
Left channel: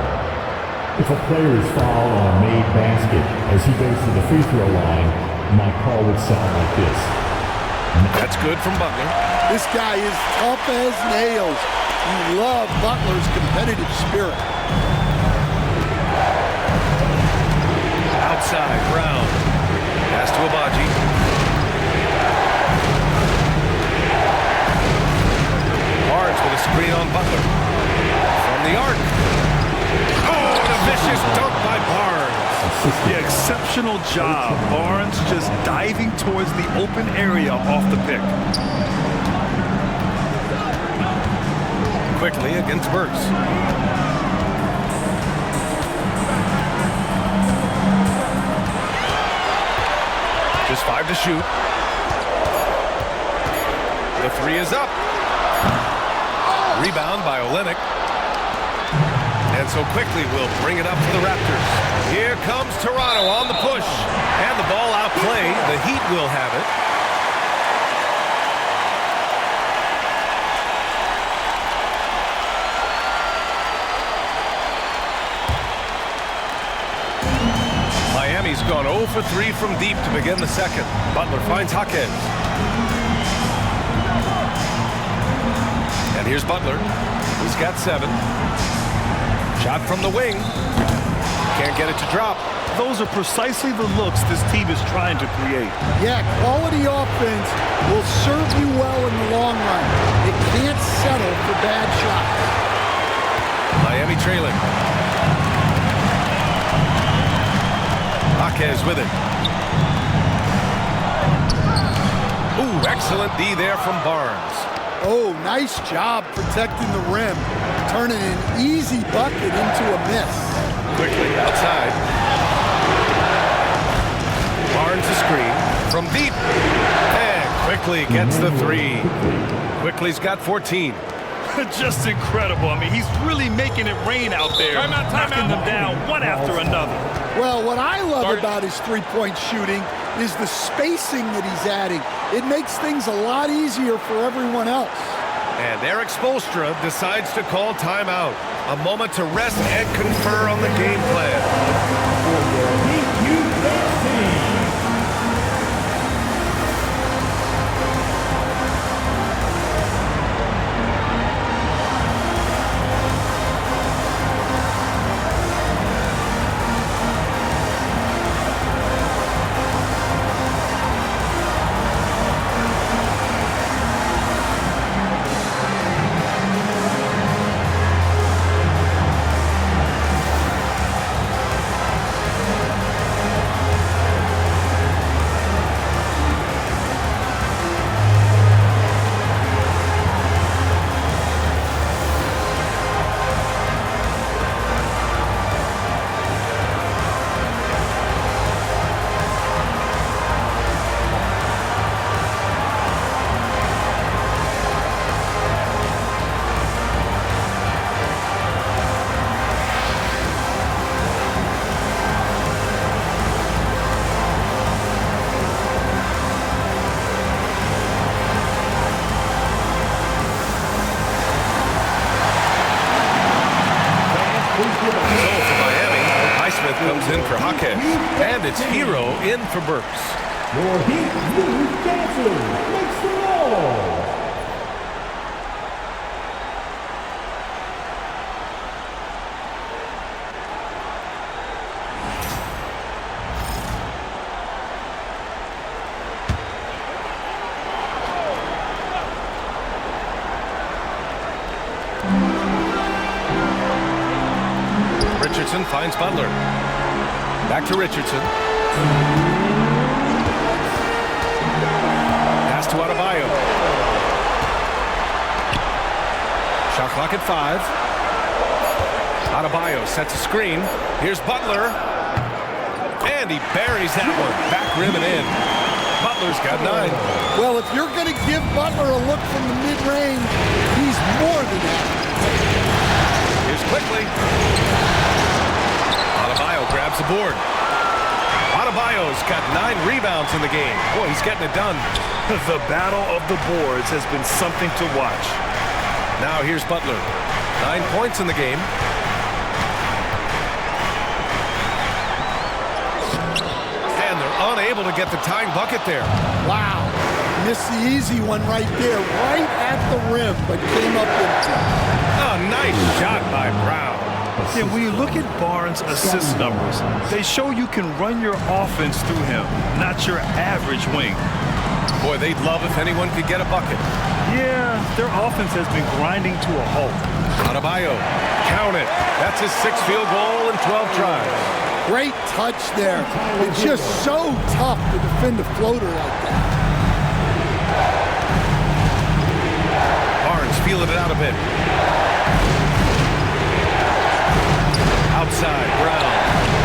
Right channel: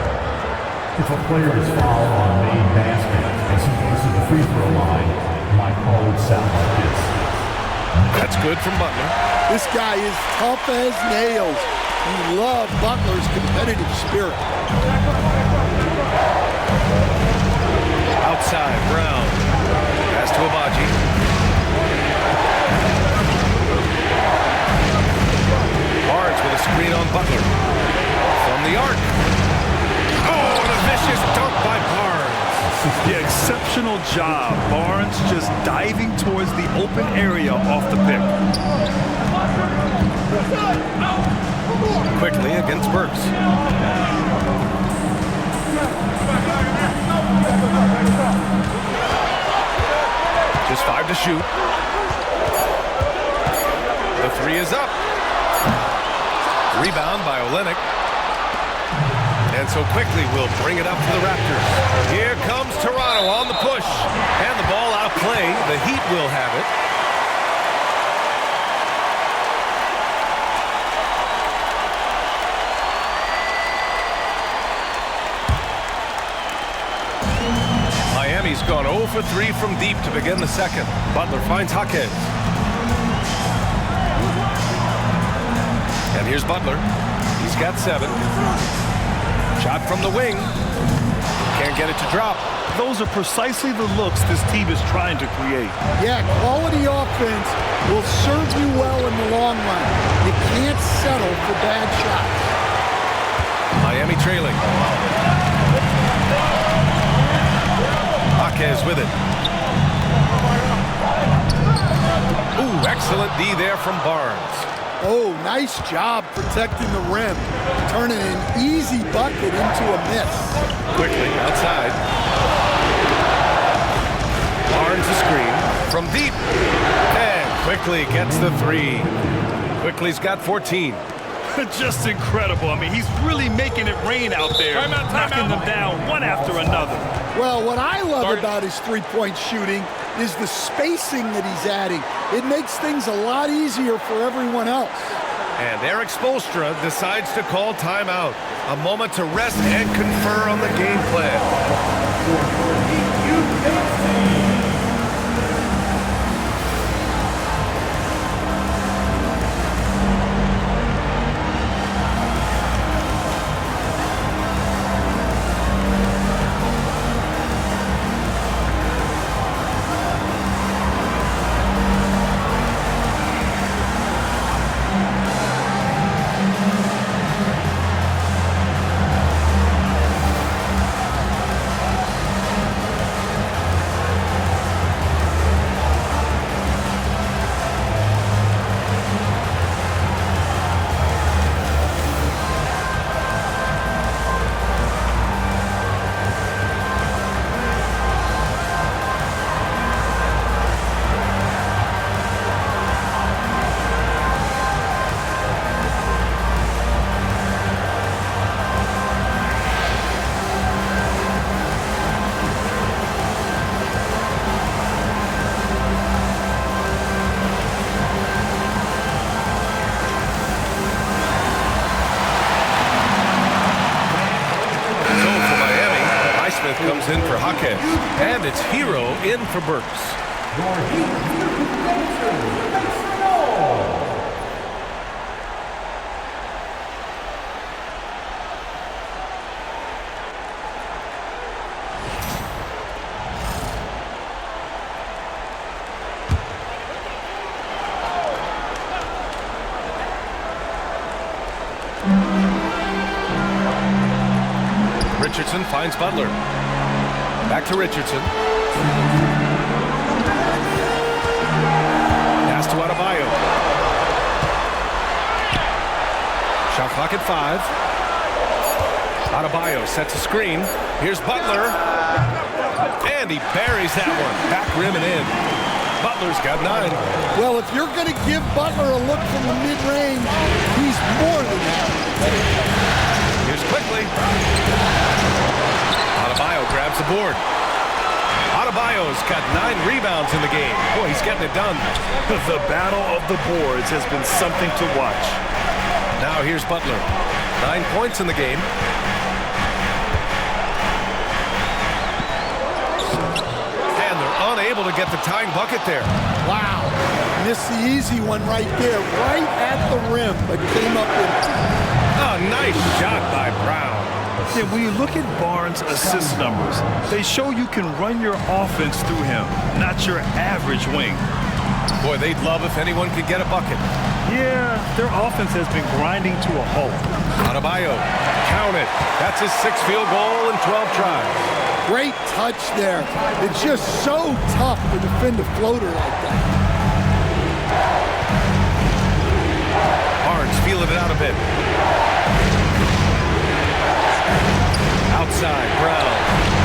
If a player is fouled on a made basket as he goes to the free throw line, my call would sound like this. That's good from Butler. This guy is tough as nails. You love Butler's competitive spirit. Outside, Brown. Pass to Abaji. Barnes with a screen on Butler. From the arc. Oh, and a vicious dunk by Barnes. Yeah, exceptional job. Barnes just diving towards the open area off the pick. Quickly against Burks. Just 5 to shoot. The 3 is up. Rebound by Olynyk. And so quickly we'll bring it up for the Raptors. Here comes Toronto on the push. And the ball out of play. The Heat will have it. Miami's gone 0 for 3 from deep to begin the second. Butler finds Jaquez. And here's Butler. He's got 7. Shot from the wing. Can't get it to drop. Those are precisely the looks this team is trying to create. Yeah, quality offense will serve you well in the long run. You can't settle for bad shots. Miami trailing. Jaquez with it. Ooh, excellent D there from Barnes. Oh, nice job protecting the rim, turning an easy bucket into a miss. Quickly outside. Barnes a screen from deep. And quickly gets the 3. Quickly's got 14. Just incredible. I mean, he's really making it rain out there, knocking them down one after another. Well, what I love about his three-point shooting is the spacing that he's adding. It makes things a lot easier for everyone else. And Eric Spoelstra decides to call timeout. A moment to rest and confer on the game plan. Naismith comes in for Jaquez, and it's Hero in for Burks. Your Heat music dancers, make some noise. Richardson finds Butler. Back to Richardson. Pass to Adebayo. Shot clock at 5. Adebayo sets a screen. Here's Butler. And he buries that one. Back rim and in. Butler's got 9. Well, if you're going to give Butler a look from the mid-range, he's more than that. Here's quickly. Adebayo grabs the board. Adebayo's got 9 rebounds in the game. Boy, he's getting it done. The battle of the boards has been something to watch. Now here's Butler. 9 points in the game. And they're unable to get the tying bucket there. Wow. Missed the easy one right there, right at the rim, but came up empty. Oh, nice shot by Brown. Yeah, when you look at Barnes' assist numbers, they show you can run your offense through him, not your average wing. Boy, they'd love if anyone could get a bucket. Yeah, their offense has been grinding to a halt. Adebayo Count it. That's his 6th field goal in 12 tries. Great touch there. It's just so tough to defend a floater like that. Barnes feeling it out a bit. Outside, Brown.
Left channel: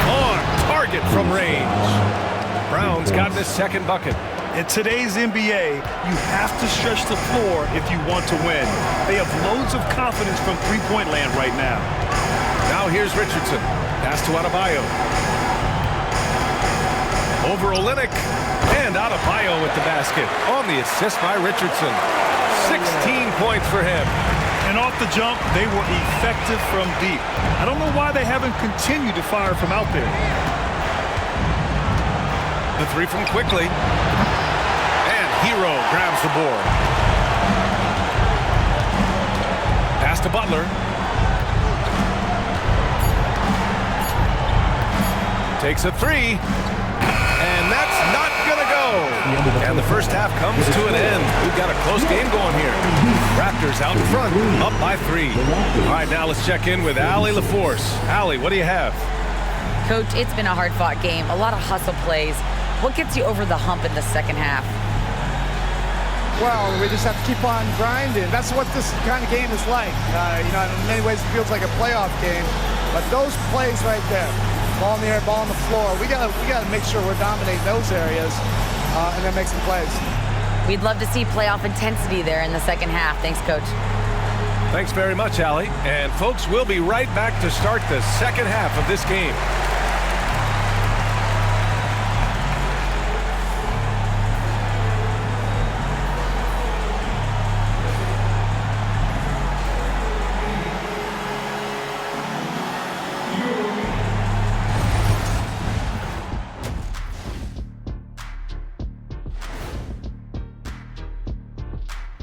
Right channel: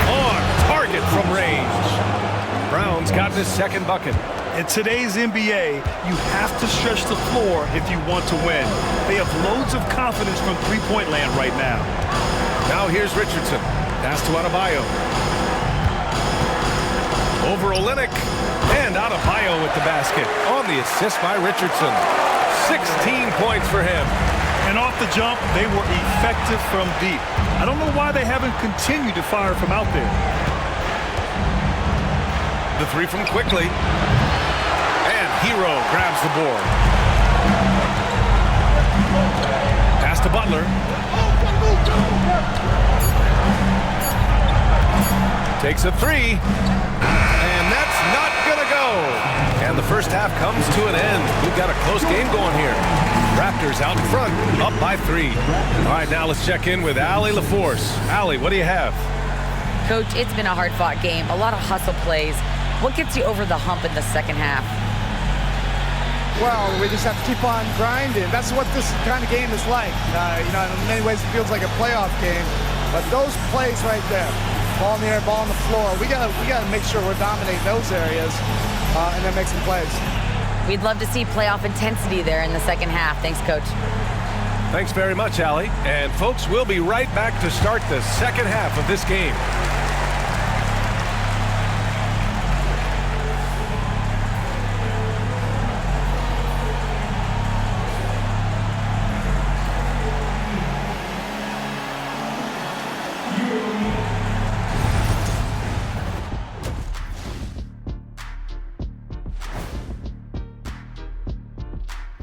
On target from range. Brown's gotten his 2nd bucket. In today's NBA, you have to stretch the floor if you want to win. They have loads of confidence from three-point land right now. Now here's Richardson. Pass to Adebayo. Over Olynyk. And Adebayo with the basket on the assist by Richardson. 16 points for him. And off the jump, they were effective from deep. I don't know why they haven't continued to fire from out there. The 3 from Quickly. And Hero grabs the board. Pass to Butler. Takes a 3. And that's not going to go. And the first half comes to an end. We've got a close game going here. Raptors out in front, up by 3. All right, now let's check in with Allie LaForce. Allie, what do you have? Coach, it's been a hard-fought game, a lot of hustle plays. What gets you over the hump in the second half? Well, we just have to keep on grinding. That's what this kind of game is like. In many ways it feels like a playoff game, but those plays right there, ball in the air, ball on the floor, we gotta make sure we're dominating those areas and then make some plays. We'd love to see playoff intensity there in the second half. Thanks, Coach. Thanks very much, Allie. And folks, we'll be right back to start the second half of this game.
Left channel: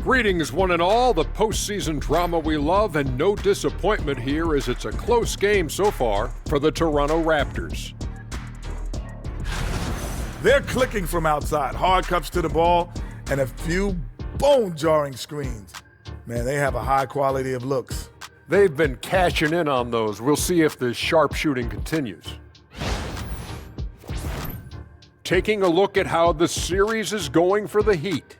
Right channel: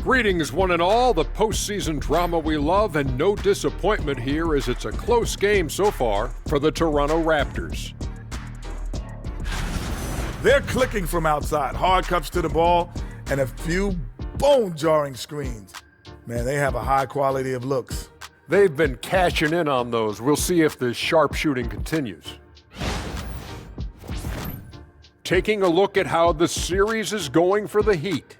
Greetings, one and all. The postseason drama we love, and no disappointment here as it's a close game so far for the Toronto Raptors. They're clicking from outside, hard cuts to the ball, and a few bone-jarring screens. Man, they have a high quality of looks. They've been cashing in on those. We'll see if the sharpshooting continues. Taking a look at how the series is going for the Heat.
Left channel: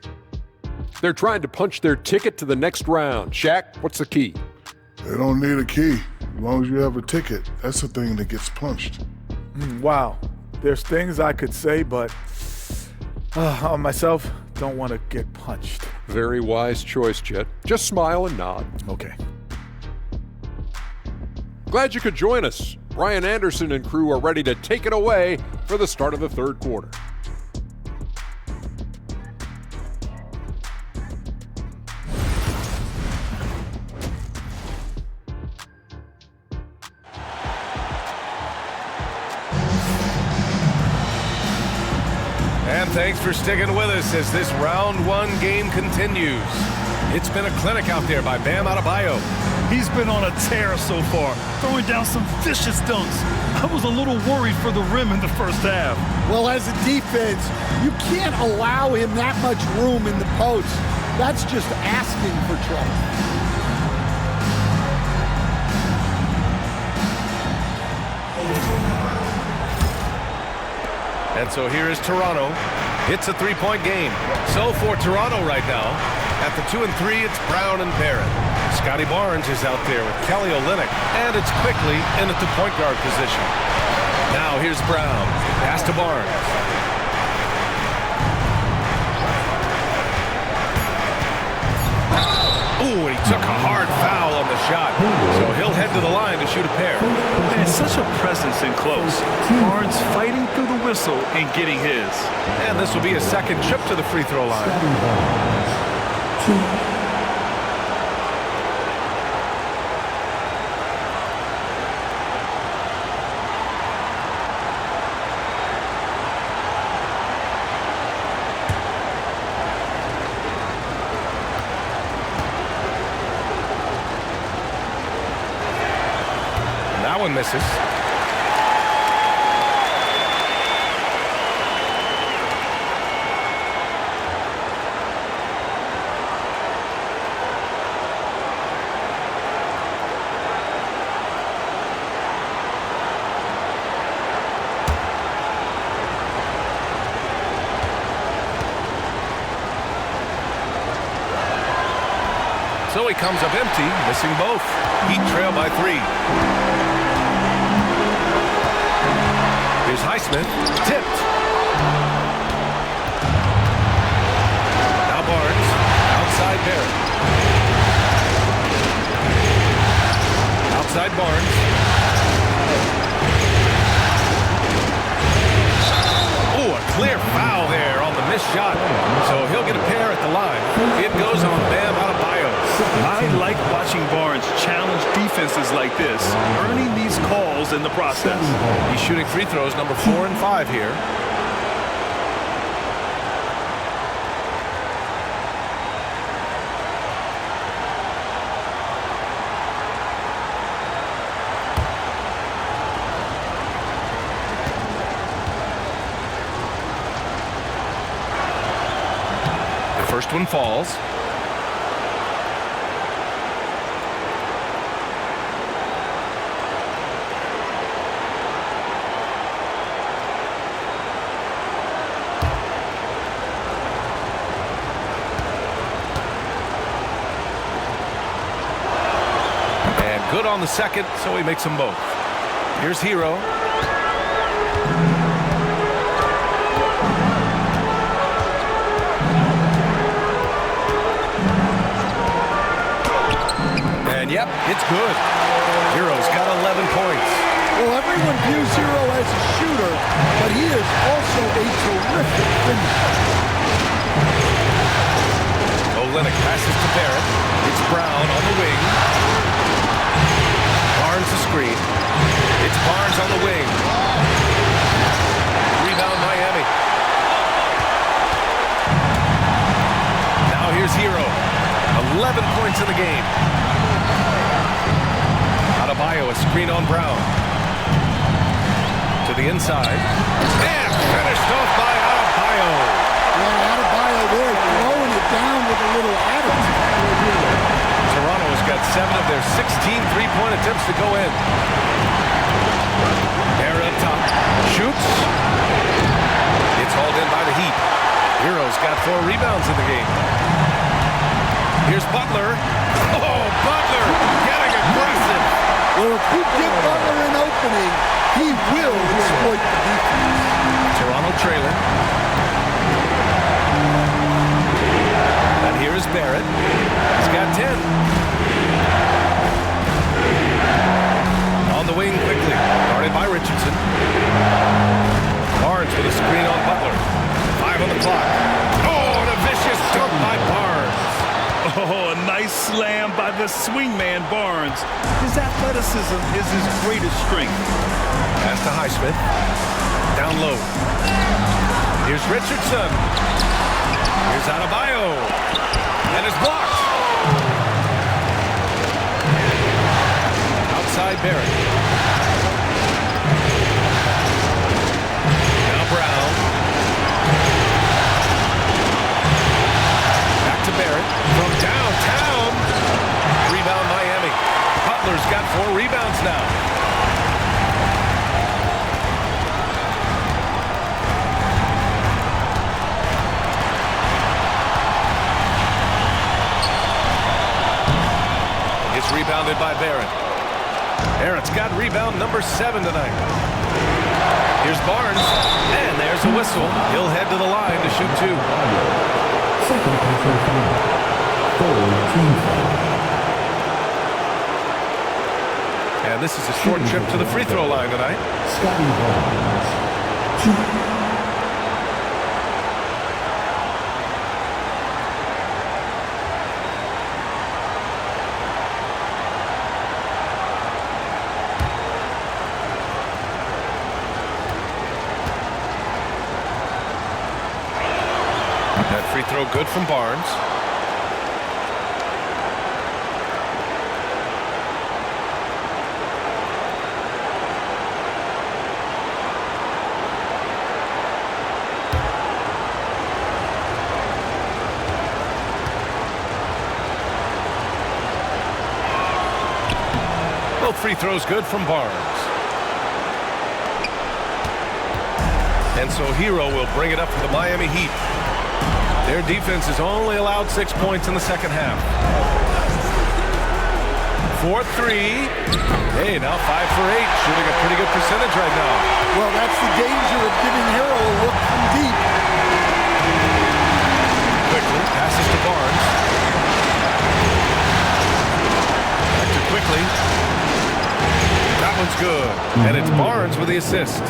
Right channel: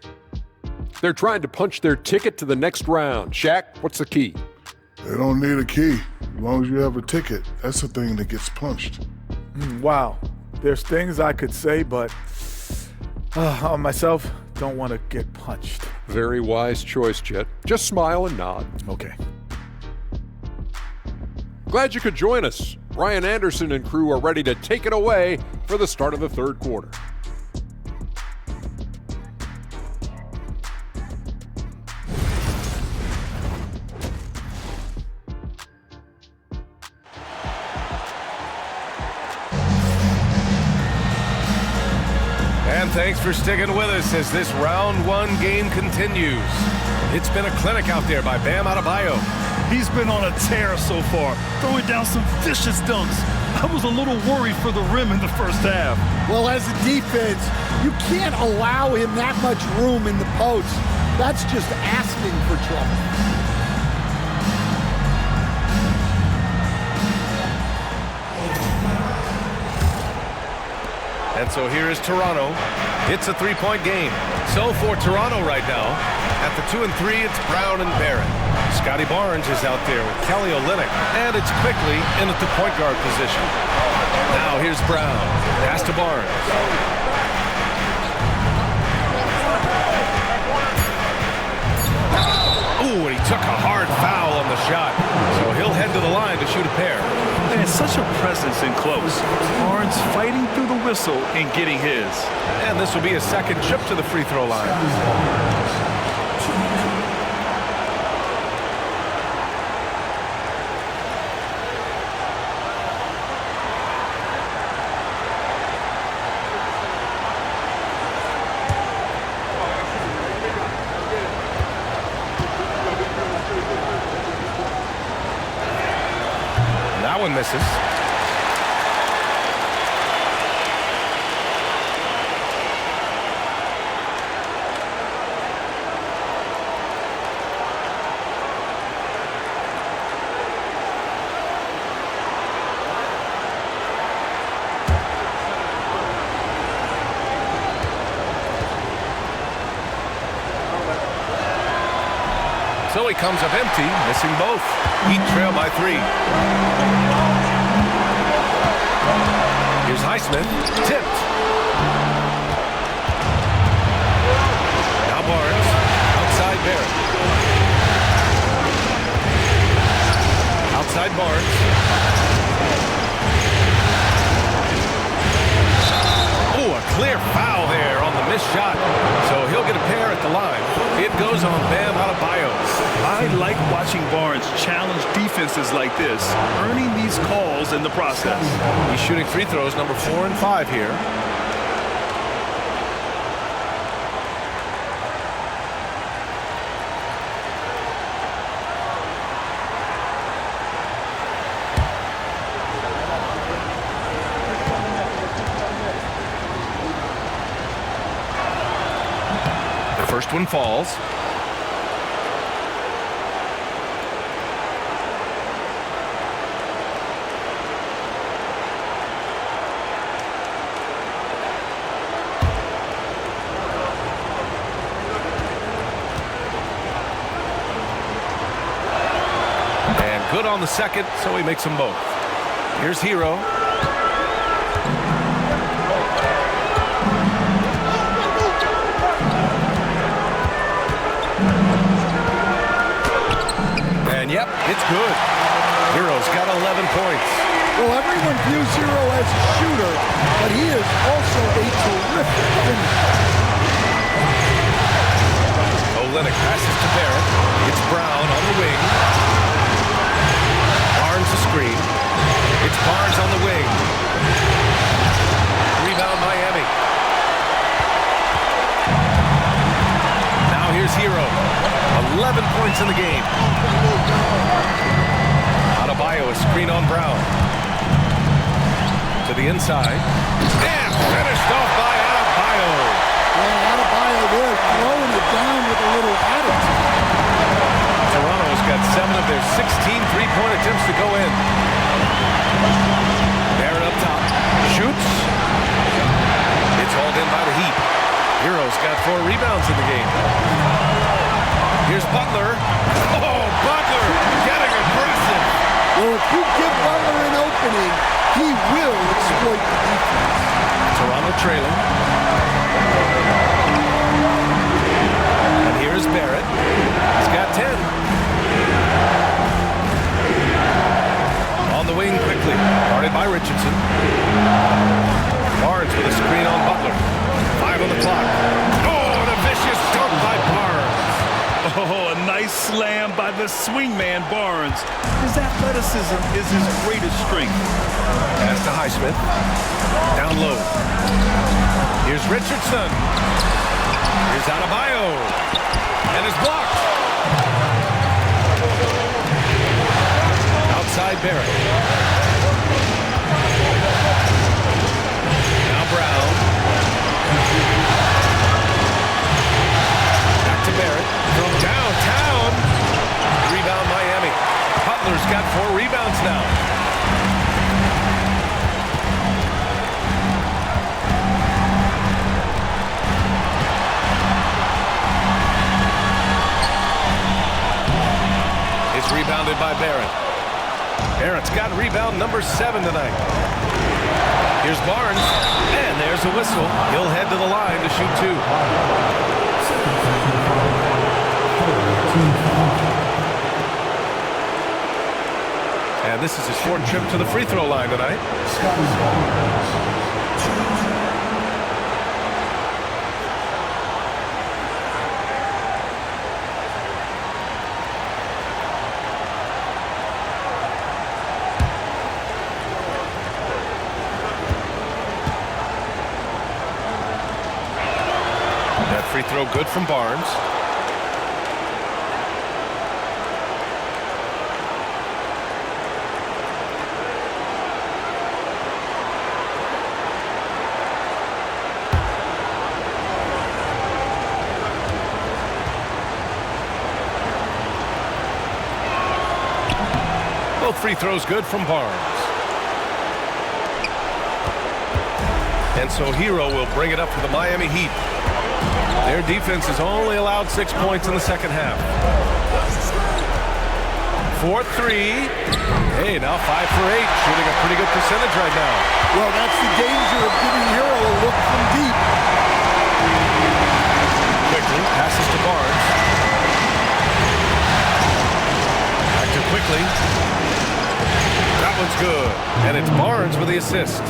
They're trying to punch their ticket to the next round. Shaq, what's the key? They don't need a key. As long as you have a ticket, that's the thing that gets punched. Wow. There's things I could say, but on myself, don't want to get punched. Very wise choice, Jet. Just smile and nod. Okay. Glad you could join us. Brian Anderson and crew are ready to take it away for the start of the third quarter. And thanks for sticking with us as this round 1 game continues. It's been a clinic out there by Bam Adebayo. He's been on a tear so far, throwing down some vicious dunks. I was a little worried for the rim in the first half. Well, as a defense, you can't allow him that much room in the post. That's just asking for trouble. And so here is Toronto. It's a 3-point game. So for Toronto right now, at the 2 and 3, it's Brown and Barrett. Scotty Barnes is out there with Kelly Olynyk, and it's quickly in at the point guard position. Now here's Brown. Pass to Barnes. Ooh, and he took a hard foul on the shot. So he'll head to the line to shoot a pair. And such a presence in close. Barnes fighting through the whistle and getting his. And this will be a second trip to the free throw line. That one misses. So he comes up empty, missing both. Heat trail by 3. Here's Naismith, tipped. Now Barnes, outside Barrett. Outside Barnes. Oh, a clear foul there on the missed shot. So he'll get a pair at the line. It goes on Bam Adebayo. I like watching Barnes challenge defenses like this, earning these calls in the process. He's shooting free throws number 4 and 5 here. First one falls. And good on the second, so he makes them both. Here's Hero. And yep, it's good. Hero's got 11 points. Well, everyone views Hero as a shooter, but he is also a terrific finisher. Olynyk passes to Barrett. It's Brown on the wing. Barnes the screen. It's Barnes on the wing. Rebound Miami. Now here's Hero. 11 points in the game. Adebayo, a screen on Brown. To the inside. And finished off by Adebayo. Yeah, Adebayo there throwing it down with a little attitude. Toronto has got 7 of their 16 three-point attempts to go in. Barrett up top. Shoots. It's hauled in by the Heat. Hero's got 4 rebounds in the game. Here's Butler. Oh, Butler getting aggressive. Well, if you give Butler an opening, he will exploit the defense. Toronto trailing. And here's Barrett. He's got 10. On the wing quickly. Guarded by Richardson. Barnes with a screen on Butler. 5 on the clock. Oh, and a vicious dunk by Barnes. Oh, a nice slam by the swingman Barnes. His athleticism is his greatest strength. Pass to Naismith. Down low. Here's Richardson. Here's Adebayo. And it's blocked. Outside Barrett. Now Brown. Back to Barrett. From downtown. Rebound Miami. Butler's got 4 rebounds now. It's rebounded by Barrett. Barrett's got rebound number 7 tonight. Here's Barnes, and there's a whistle. He'll head to the line to shoot 2. And this is a short trip to the free throw line tonight. That free throw good from Barnes. Both free throws good from Barnes. And so Hero will bring it up for the Miami Heat. Their defense has only allowed 6 points in the second half. for three. Hey, now 5 for 8, shooting a pretty good percentage right now. Well, that's the danger of giving Hero a look from deep. Quickly passes to Barnes. Back to Quickly. That one's good. And it's Barnes with the assist.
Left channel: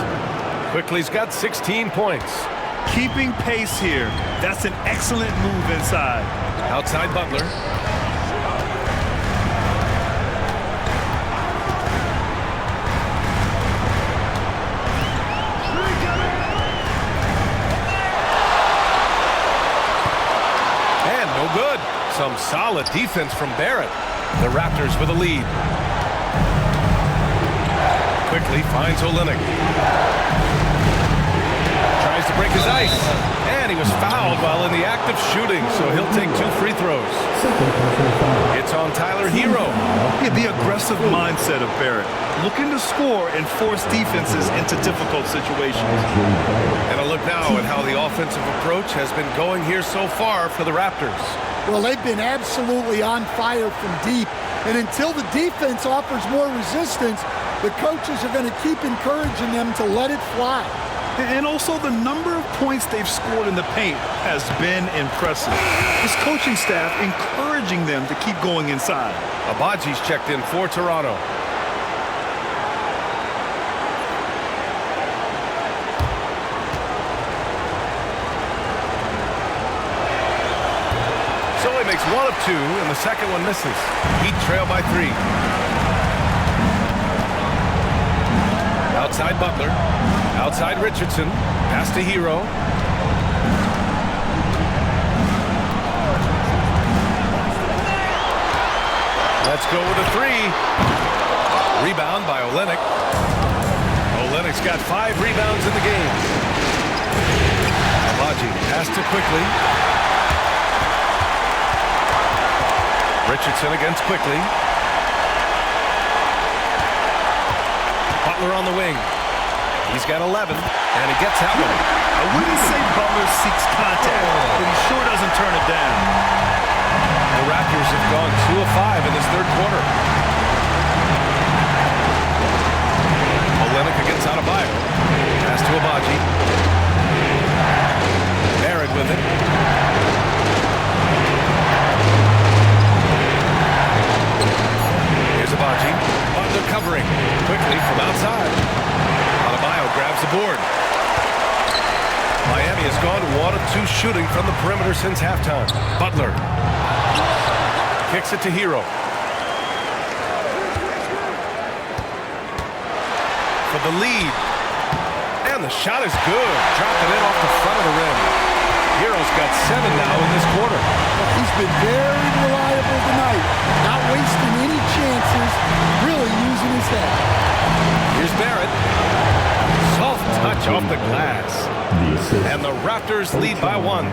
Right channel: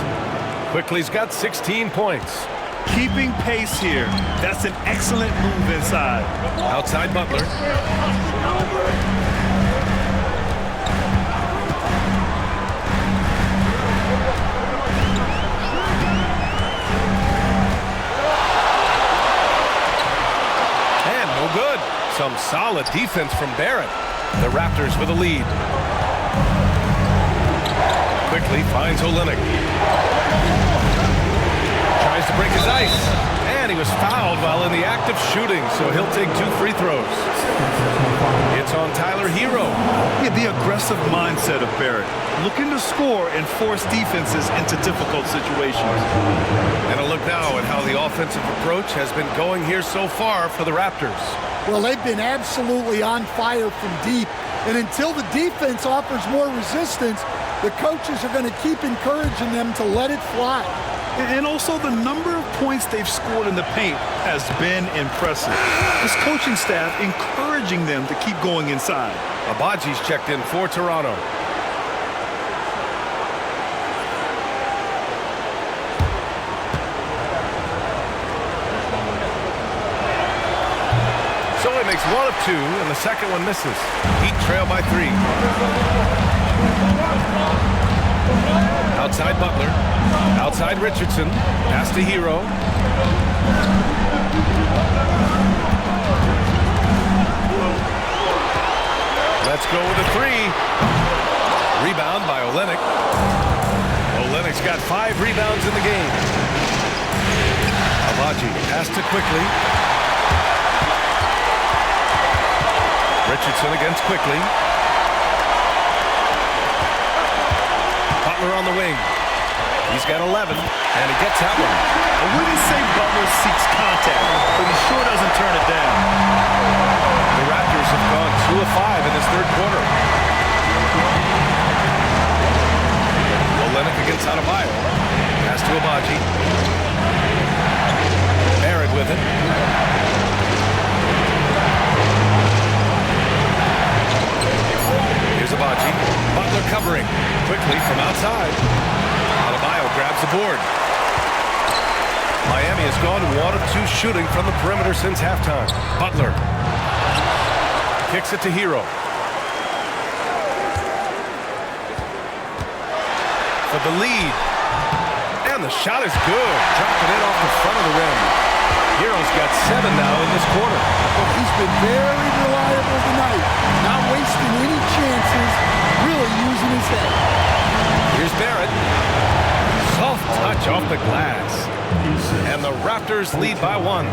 Quickly's got 16 points. Keeping pace here. That's an excellent move inside. Outside Butler. And no good. Some solid defense from Barrett. The Raptors with a lead. Quickly finds Olynyk. Tries to break his ice. And he was fouled while in the act of shooting, so he'll take 2 free throws. It's on Tyler Hero. Yeah, the aggressive mindset of Barrett. Looking to score and force defenses into difficult situations. And a look now at how the offensive approach has been going here so far for the Raptors. Well, they've been absolutely on fire from deep. And until the defense offers more resistance, the coaches are going to keep encouraging them to let it fly. And also the number of points they've scored in the paint has been impressive. This coaching staff encouraging them to keep going inside. Abaji's checked in for Toronto. So he makes 1 of 2, and the second one misses. Heat trail by 3. Outside Butler. Outside Richardson. Pass to Hero. Let's go with a 3. Rebound by Olynyk. Olynyk's got 5 rebounds in the game. Abaji pass to Quickly. Richardson against Quickly. Butler on the wing. He's got 11, and he gets that one. I wouldn't say Butler seeks contact, but he sure doesn't turn it down. The Raptors have gone 2 of 5 in this third quarter. Olynyk against Adebayo. Pass to Abaji. Barrett with it. Here's Abaji. Butler covering. Quickly from outside. Adebayo grabs the board. Miami has gone 1 of 2 shooting from the perimeter since halftime. Butler kicks it to Hero. For the lead. And the shot is good. Dropping it off the front of the rim. Hero's got 7 now in this quarter. Well, he's been very reliable tonight. Not wasting any chances. Really using his head. Here's Barrett. Soft touch off the glass. And the Raptors lead by 1.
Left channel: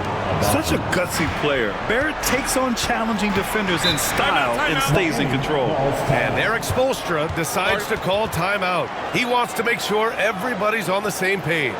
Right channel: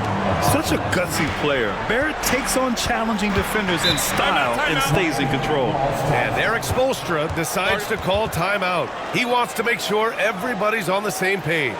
Such a gutsy player. Barrett takes on challenging defenders in style and stays in control. And Eric Spoelstra decides to call timeout. He wants to make sure everybody's on the same page.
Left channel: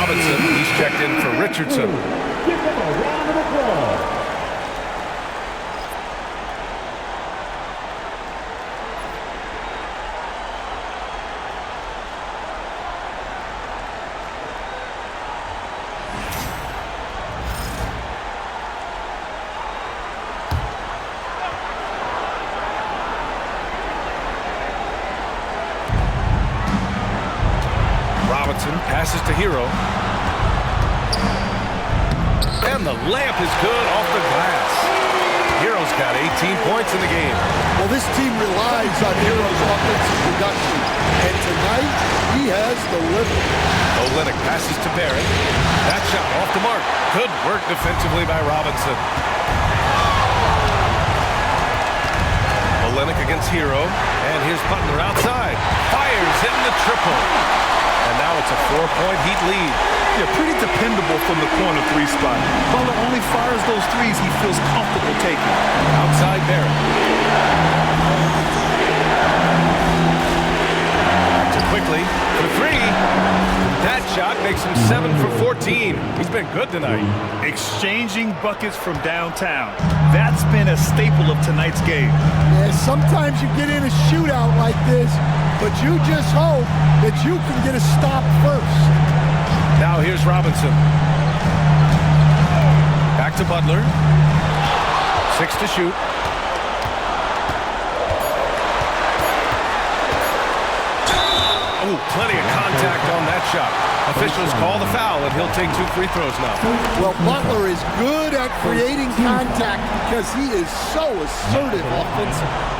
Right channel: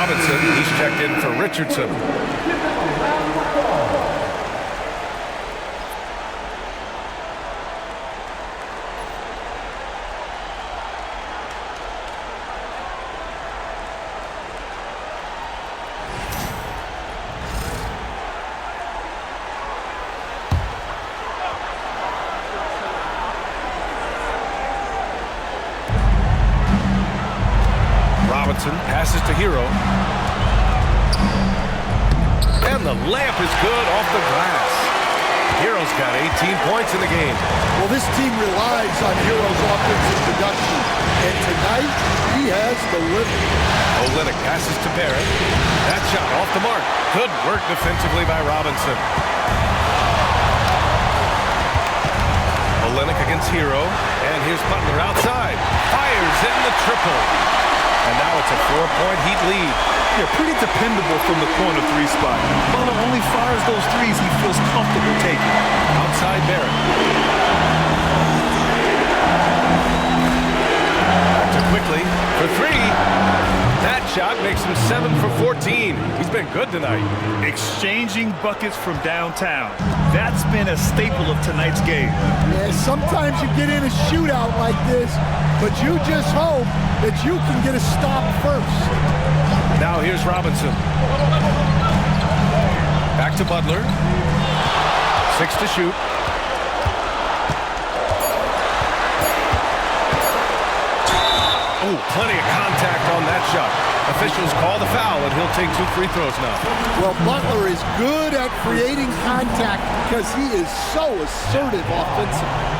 Robinson, he's checked in for Richardson. Give them a round of applause. Robinson passes to Hero. And the layup is good off the glass. Hero's got 18 points in the game. Well, this team relies on Hero's offensive production, and tonight he has delivered. Olynyk passes to Barrett. That shot off the mark. Good work defensively by Robinson. Olynyk against Hero. And here's Butler outside. Fires in the triple. And now it's a 4-point Heat lead. Yeah, pretty dependable from the corner three spot. Butler only fires those threes he feels comfortable taking. Outside Barrett. Back to Quickly for three. That shot makes him 7 for 14. He's been good tonight. Exchanging buckets from downtown. That's been a staple of tonight's game. Yeah, sometimes you get in a shootout like this, but you just hope that you can get a stop first. Now here's Robinson. Back to Butler. 6 to shoot. Oh, plenty of contact on that shot. Officials call the foul, and he'll take 2 free throws now. Well, Butler is good at creating contact because he is so assertive offensively.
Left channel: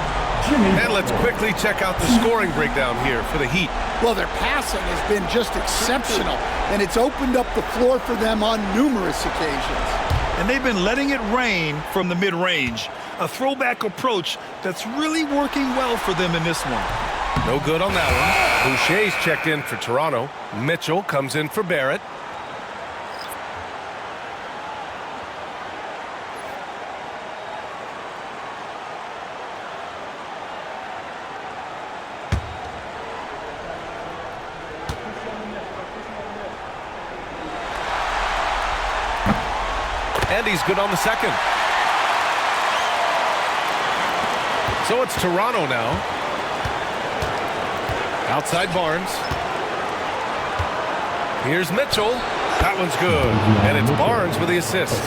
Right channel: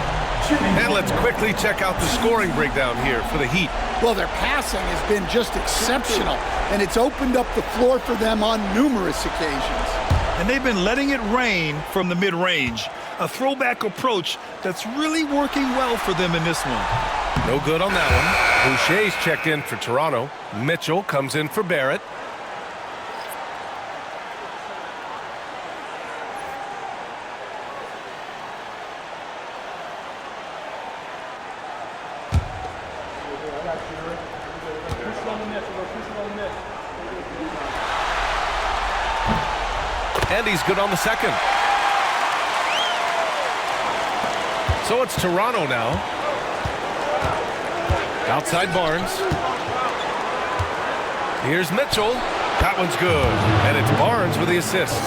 And let's quickly check out the scoring breakdown here for the Heat. Well, their passing has been just exceptional, and it's opened up the floor for them on numerous occasions. And they've been letting it rain from the mid-range. A throwback approach that's really working well for them in this one. No good on that one. Boucher's checked in for Toronto. Mitchell comes in for Barrett. And he's good on the second. So it's Toronto now. Outside Barnes. Here's Mitchell. That one's good. And it's Barnes with the assist.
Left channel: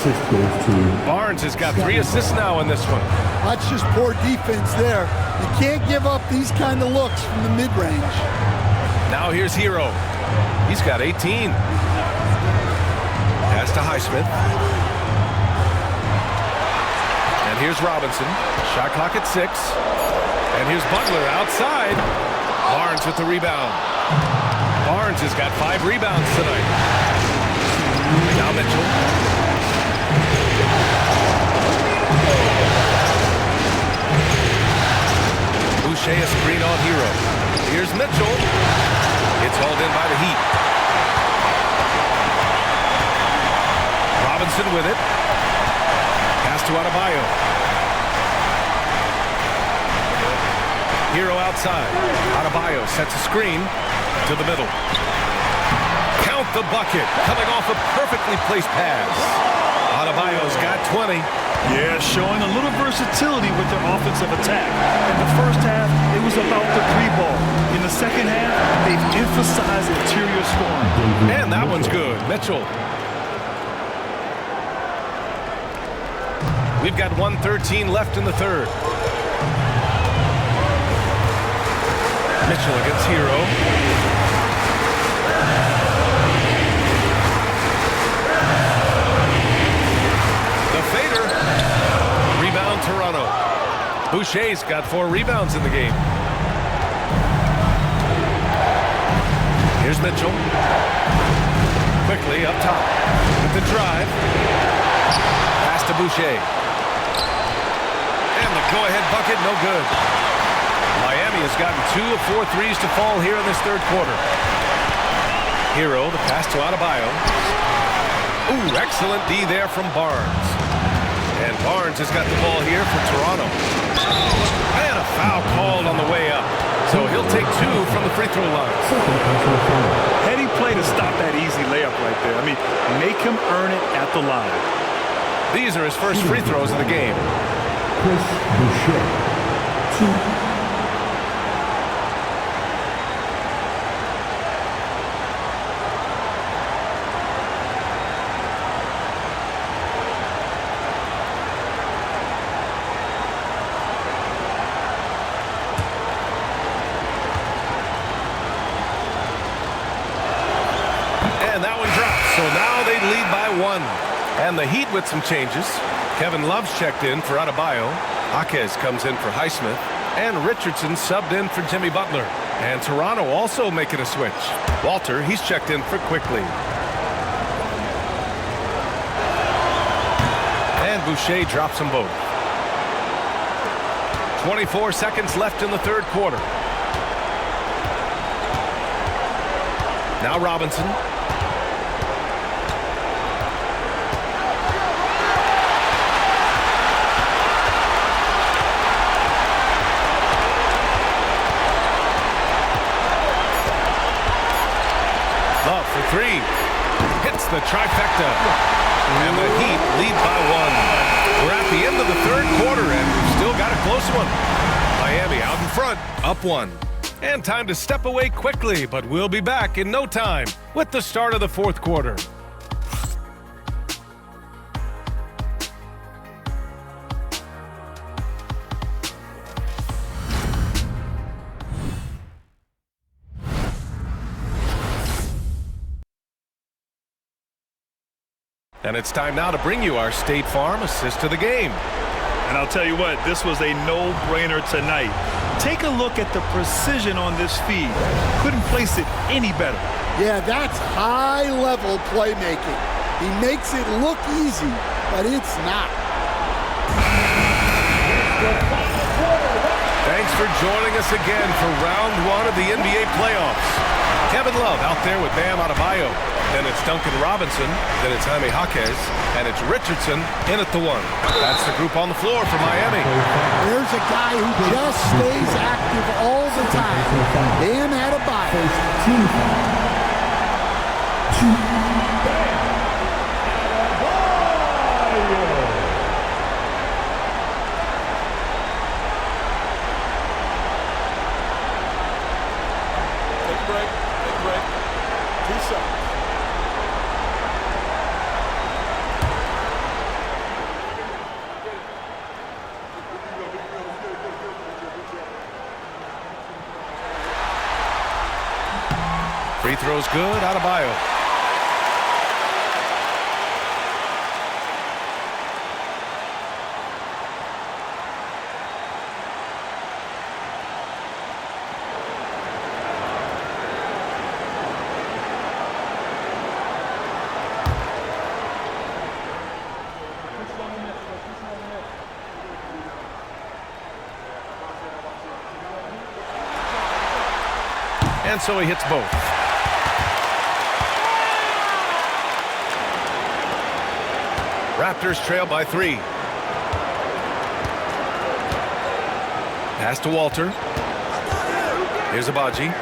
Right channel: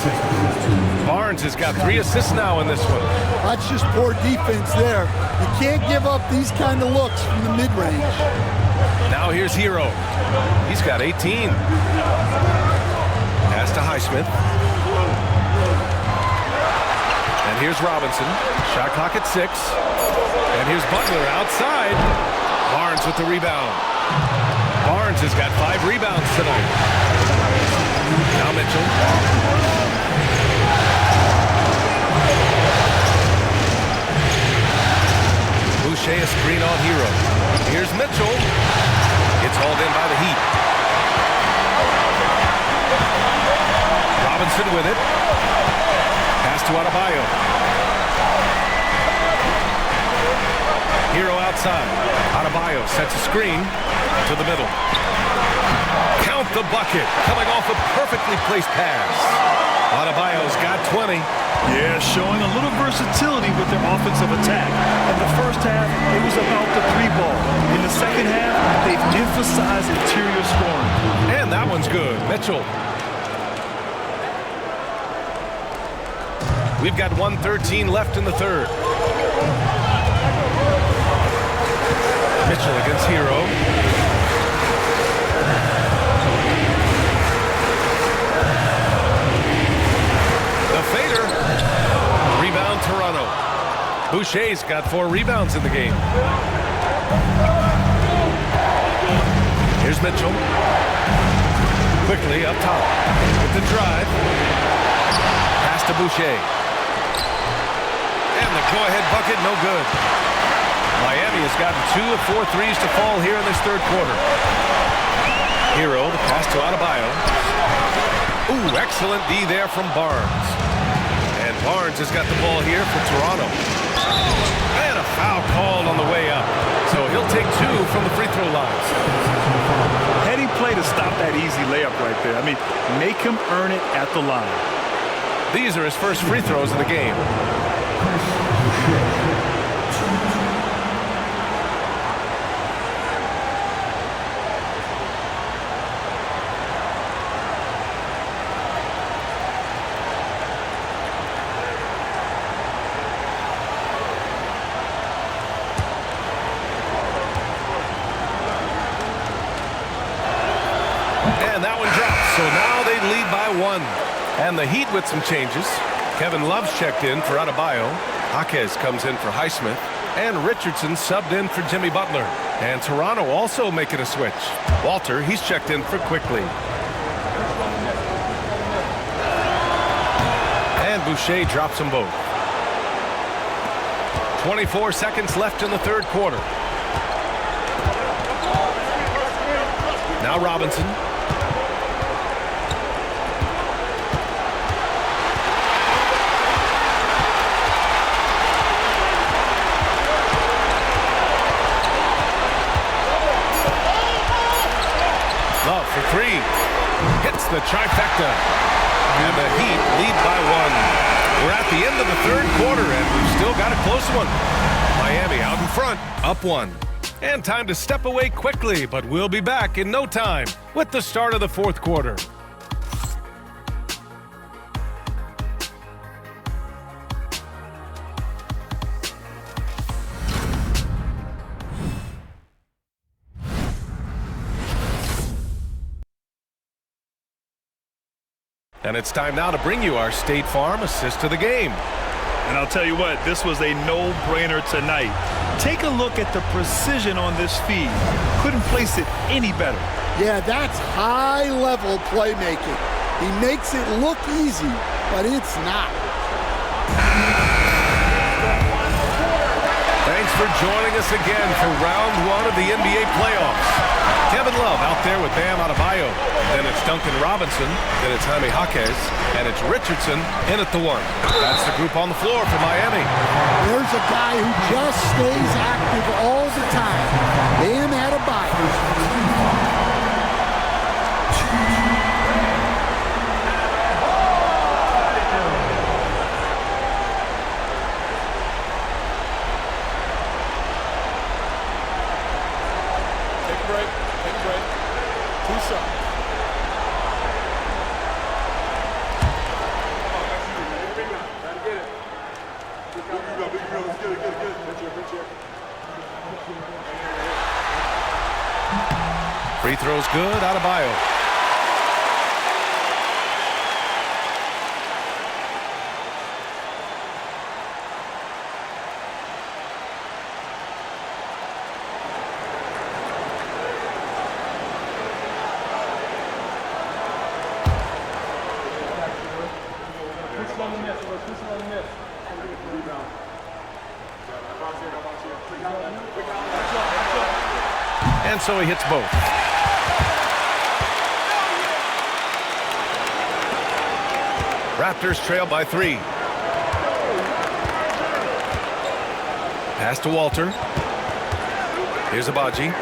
Barnes has got 3 assists now in this one. That's just poor defense there. You can't give up these kind of looks from the mid-range. Now here's Hero. He's got 18. Pass to Naismith. And here's Robinson. Shot clock at 6. And here's Butler outside. Barnes with the rebound. Barnes has got 5 rebounds tonight. Now Mitchell. Boucher a screen on Hero. Here's Mitchell. It's hauled in by the Heat. Robinson with it. Pass to Adebayo. Hero outside. Adebayo sets a screen to the middle. Count the bucket. Coming off a perfectly placed pass. Adebayo's got 20. Yeah, showing a little versatility with their offensive attack. In the first half, it was about the 3 ball. In the second half, they've emphasized interior scoring. And that one's good. Mitchell. We've got 1:13 left in the third. Mitchell against Hero. The fader. Rebound Toronto. Boucher's got 4 rebounds in the game. Here's Mitchell. Quickly up top with the drive. Pass to Boucher. And the go-ahead bucket, no good. Miami has gotten 2 of 4 threes to fall here in this third quarter. Hero, the pass to Adebayo. Ooh, excellent D there from Barnes. And Barnes has got the ball here for Toronto. And a foul called on the way up. So he'll take 2 from the free throw line. Heading play to stop that easy layup right there. I mean, make him earn it at the line. These are his first free throws of the game. And that one drops. So now they lead by 1. And the Heat with some changes. Kevin Love's checked in for Adebayo. Jaquez comes in for Naismith. And Richardson subbed in for Jimmy Butler. And Toronto also making a switch. Walter, he's checked in for Quickly. And Boucher drops them both. 24 seconds left in the third quarter. Now Robinson. Love for 3. Hits the trifecta. And the Heat lead by 1. We're at the end of the third quarter, and we've still got a close one. Miami out in front, up 1. And time to step away quickly, but we'll be back in no time with the start of the fourth quarter. And it's time now to bring you our State Farm assist to the game. And I'll tell you what, this was a no-brainer tonight. Take a look at the precision on this feed. Couldn't place it any better. Yeah, that's high-level playmaking. He makes it look easy, but it's not. Thanks for joining us again for round 1 of the NBA playoffs. Kevin Love out there with Bam Adebayo. Then it's Duncan Robinson. Then it's Jaime Jaquez. And it's Richardson in at the 1. That's the group on the floor for Miami. There's a guy who just stays active all the time. Bam Adebayo. Take a break. Take a break. 2 shots. Free throws good, Adebayo. And so he hits both. Raptors trail by 3. Pass to Walter. Here's Abaji.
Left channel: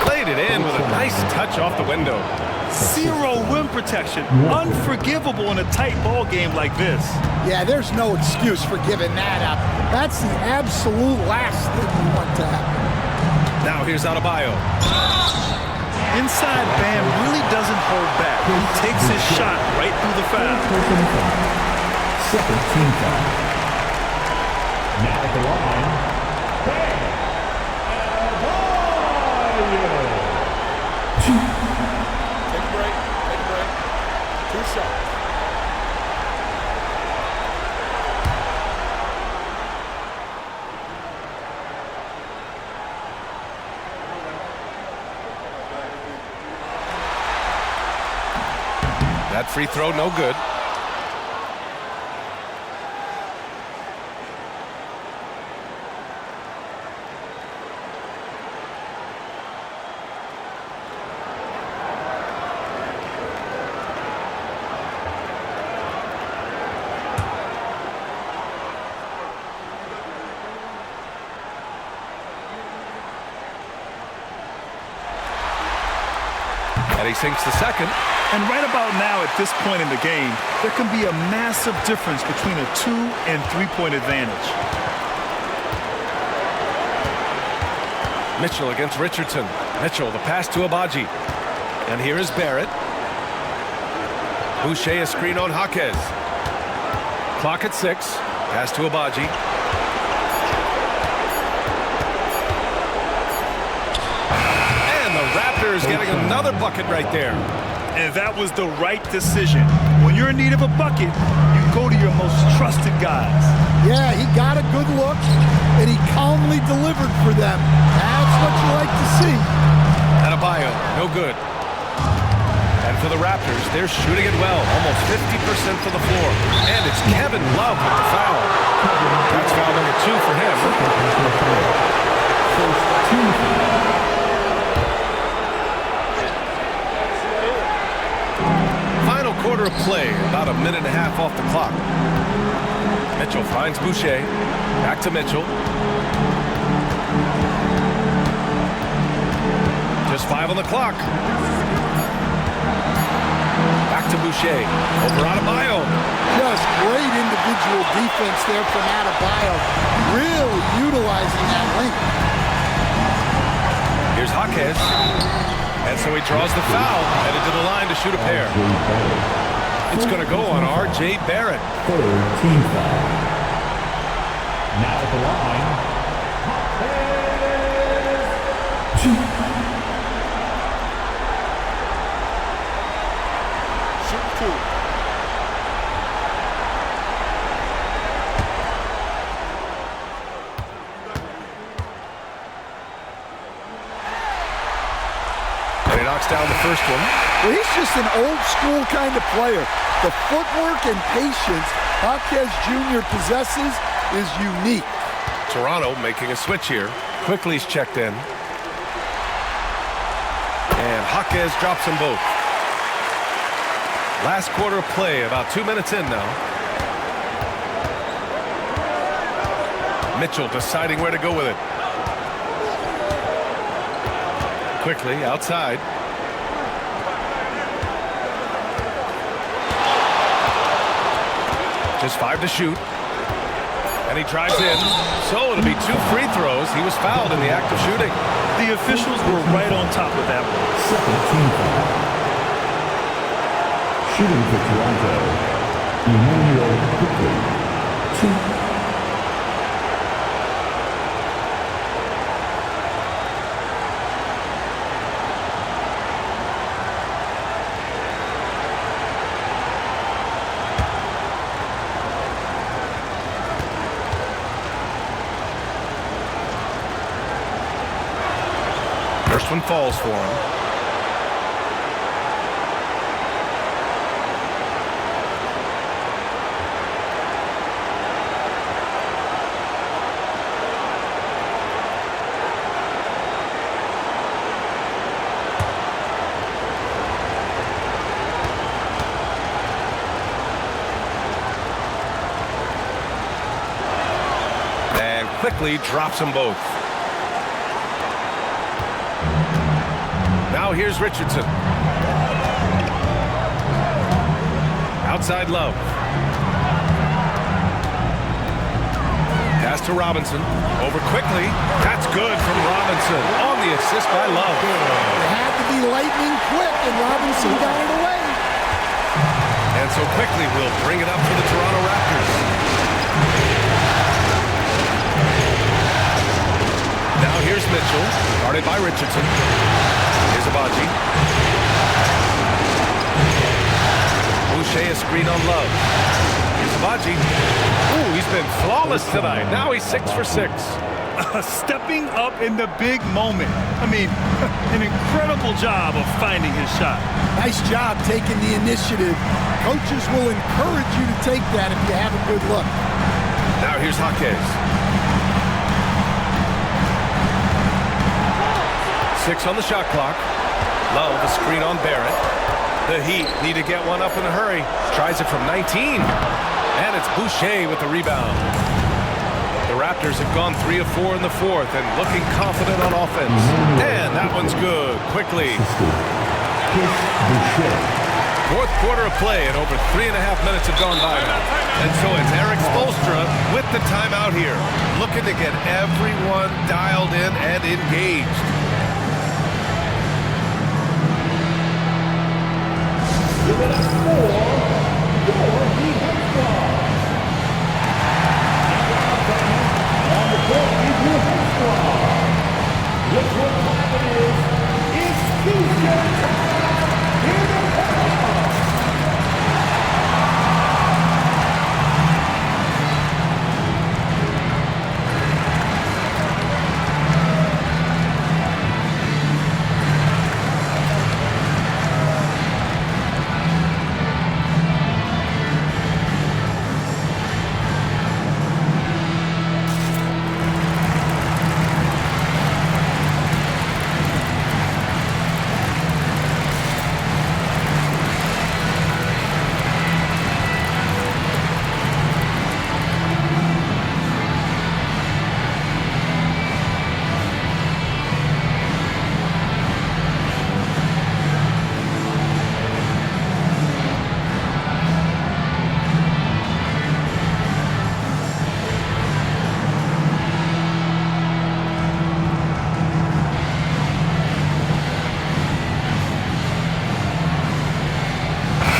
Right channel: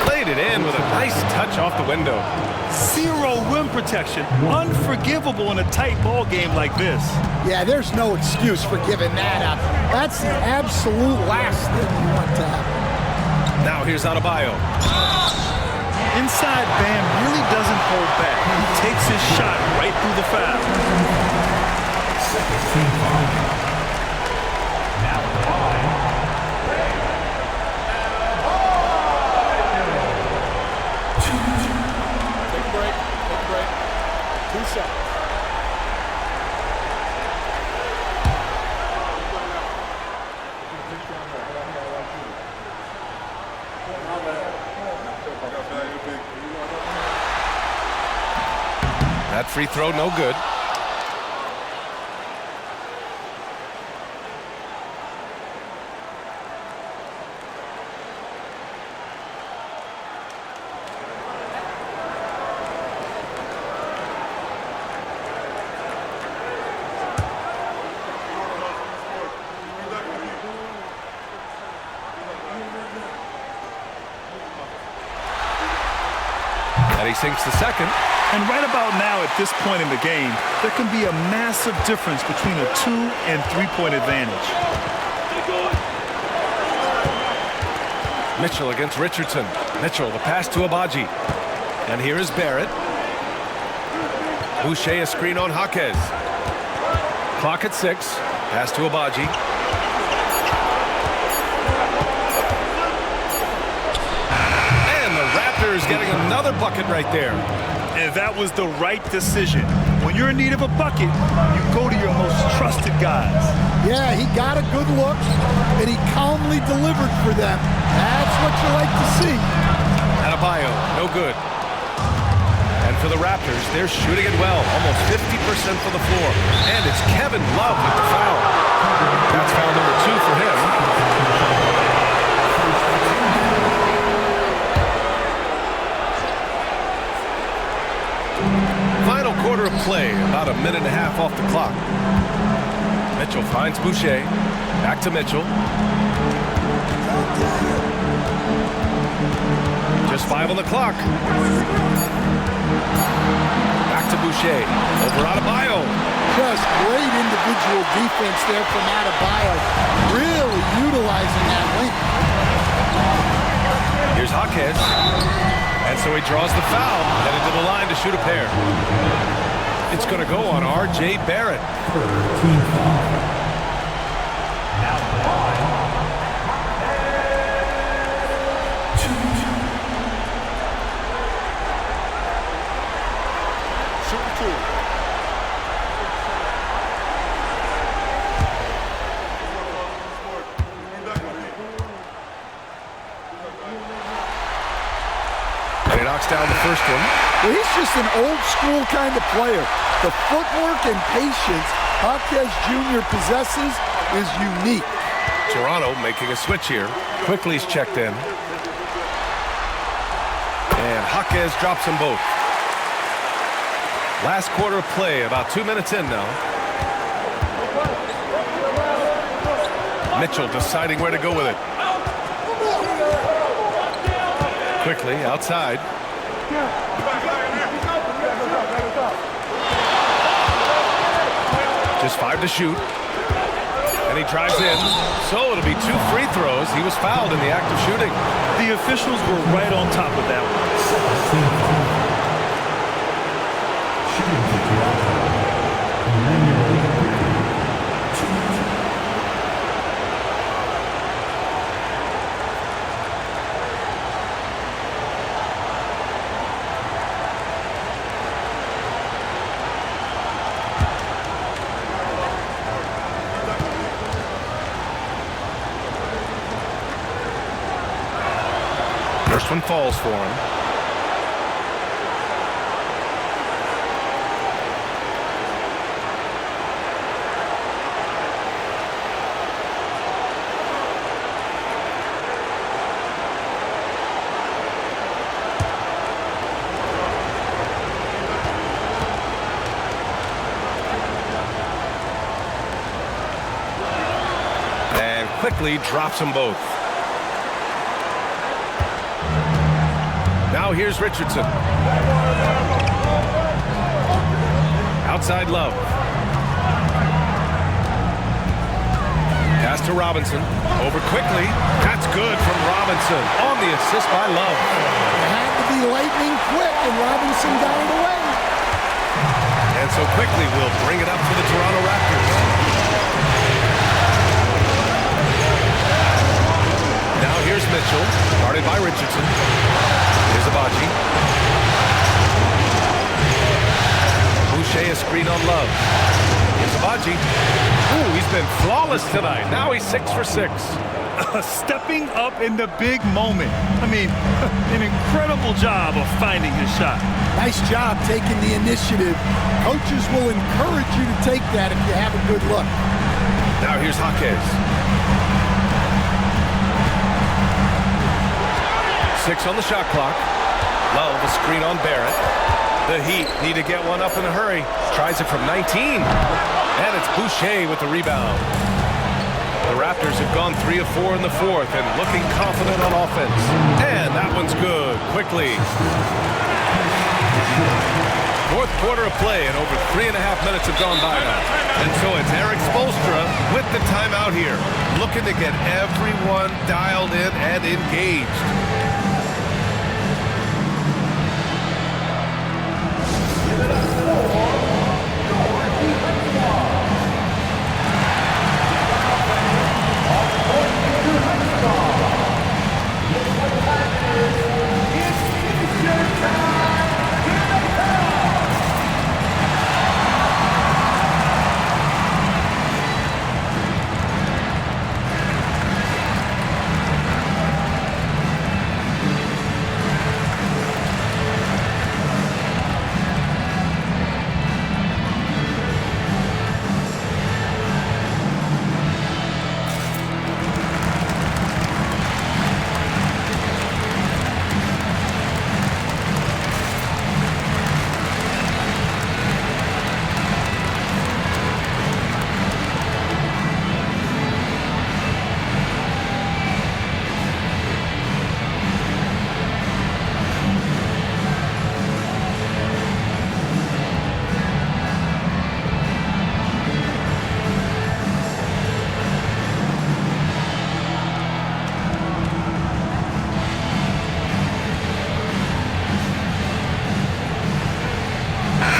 Played it in with a nice touch off the window. Zero rim protection. Unforgivable in a tight ball game like this. Yeah, there's no excuse for giving that up. That's the absolute last thing you want to happen. Now here's Adebayo. Inside, Bam really doesn't hold back. He takes his shot right through the foul. Second team foul. Now at the line, Bam Adebayo. Take a break. Take a break. 2 shots. That free throw no good. And he sinks the second. And right about now, at this point in the game, there can be a massive difference between a 2- and 3-point advantage. Mitchell against Richardson. Mitchell, the pass to Abaji. And here is Barrett. Boucher, a screen on Jaquez. Clock at 6. Pass to Abaji. And the Raptors getting another bucket right there. And that was the right decision. When you're in need of a bucket, you go to your most trusted guys. Yeah, he got a good look, and he calmly delivered for them. That's what you like to see. Adebayo, no good. And for the Raptors, they're shooting it well, almost 50% for the floor. And it's Kevin Love with the foul. That's foul number 2 for him. Final quarter of play, about a minute and a half off the clock. Mitchell finds Boucher. Back to Mitchell. Just 5 on the clock. Back to Boucher. Over Adebayo. Just great individual defense there from Adebayo. Really utilizing that length. Here's Jaquez. And so he draws the foul, headed to the line to shoot a pair. It's going to go on R.J. Barrett. Third team foul. Now at the line, Shooting 2. And he knocks down the first one. Well, he's just an old school kind of player. The footwork and patience Jaquez Jr. possesses is unique. Toronto making a switch here. Quickly's checked in. And Jaquez drops them both. Last quarter of play, about 2 minutes in now. Mitchell deciding where to go with it. Quickly outside. Just 5 to shoot. And he drives in. So it'll be 2 free throws. He was fouled in the act of shooting. The officials were right on top of that one. second team foul. Shooting for Toronto, Emmanuel Quickly, 2. First one falls for him. And quickly drops them both. Now here's Richardson. Outside Love. Pass to Robinson. Over quickly. That's good from Robinson. On the assist by Love. It had to be lightning quick, and Robinson got it away. And so Quickly will bring it up for the Toronto Raptors. Now here's Mitchell, guarded by Richardson. Here's Abaji. Boucher, a screen on Love. Here's Abaji. Ooh, he's been flawless tonight. Now he's 6 for 6. Stepping up in the big moment. I mean, an incredible job of finding his shot. Nice job taking the initiative. Coaches will encourage you to take that if you have a good look. Now here's Jaquez. 6 on the shot clock. Love, a screen on Barrett. The Heat need to get one up in a hurry. Tries it from 19. And it's Boucher with the rebound. The Raptors have gone 3 of 4 in the fourth and looking confident on offense. And that one's good. Quickly. Fourth quarter of play, and over 3.5 minutes have gone by now. And so it's Eric Spoelstra with the timeout here, looking to get everyone dialed in and engaged. Give it up for your defense squad. Get the offense on the court in your defense squad. Look what time it is. It's T-shirt time. Give it up.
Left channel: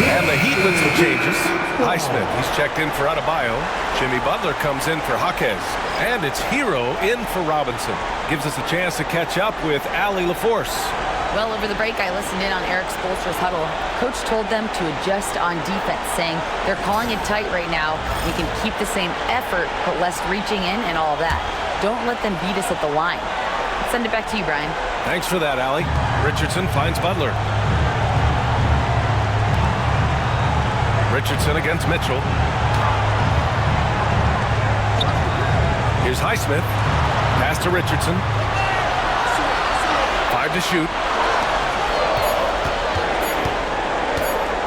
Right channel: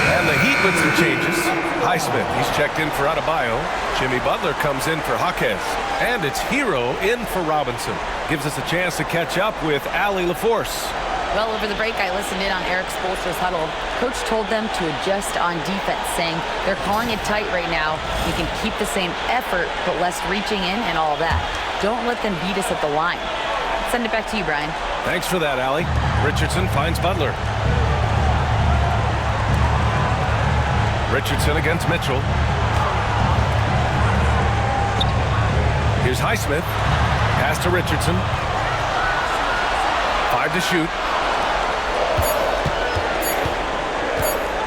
And the Heat with some changes. Naismith, he's checked in for Adebayo. Jimmy Butler comes in for Jaquez. And it's Hero in for Robinson. Gives us a chance to catch up with Allie LaForce. Well, over the break, I listened in on Eric Spoelstra's huddle. Coach told them to adjust on defense, saying they're calling it tight right now. We can keep the same effort, but less reaching in and all that. Don't let them beat us at the line. Let's send it back to you, Brian. Thanks for that, Allie. Richardson finds Butler. Richardson against Mitchell. Here's Naismith. Pass to Richardson. 5 to shoot.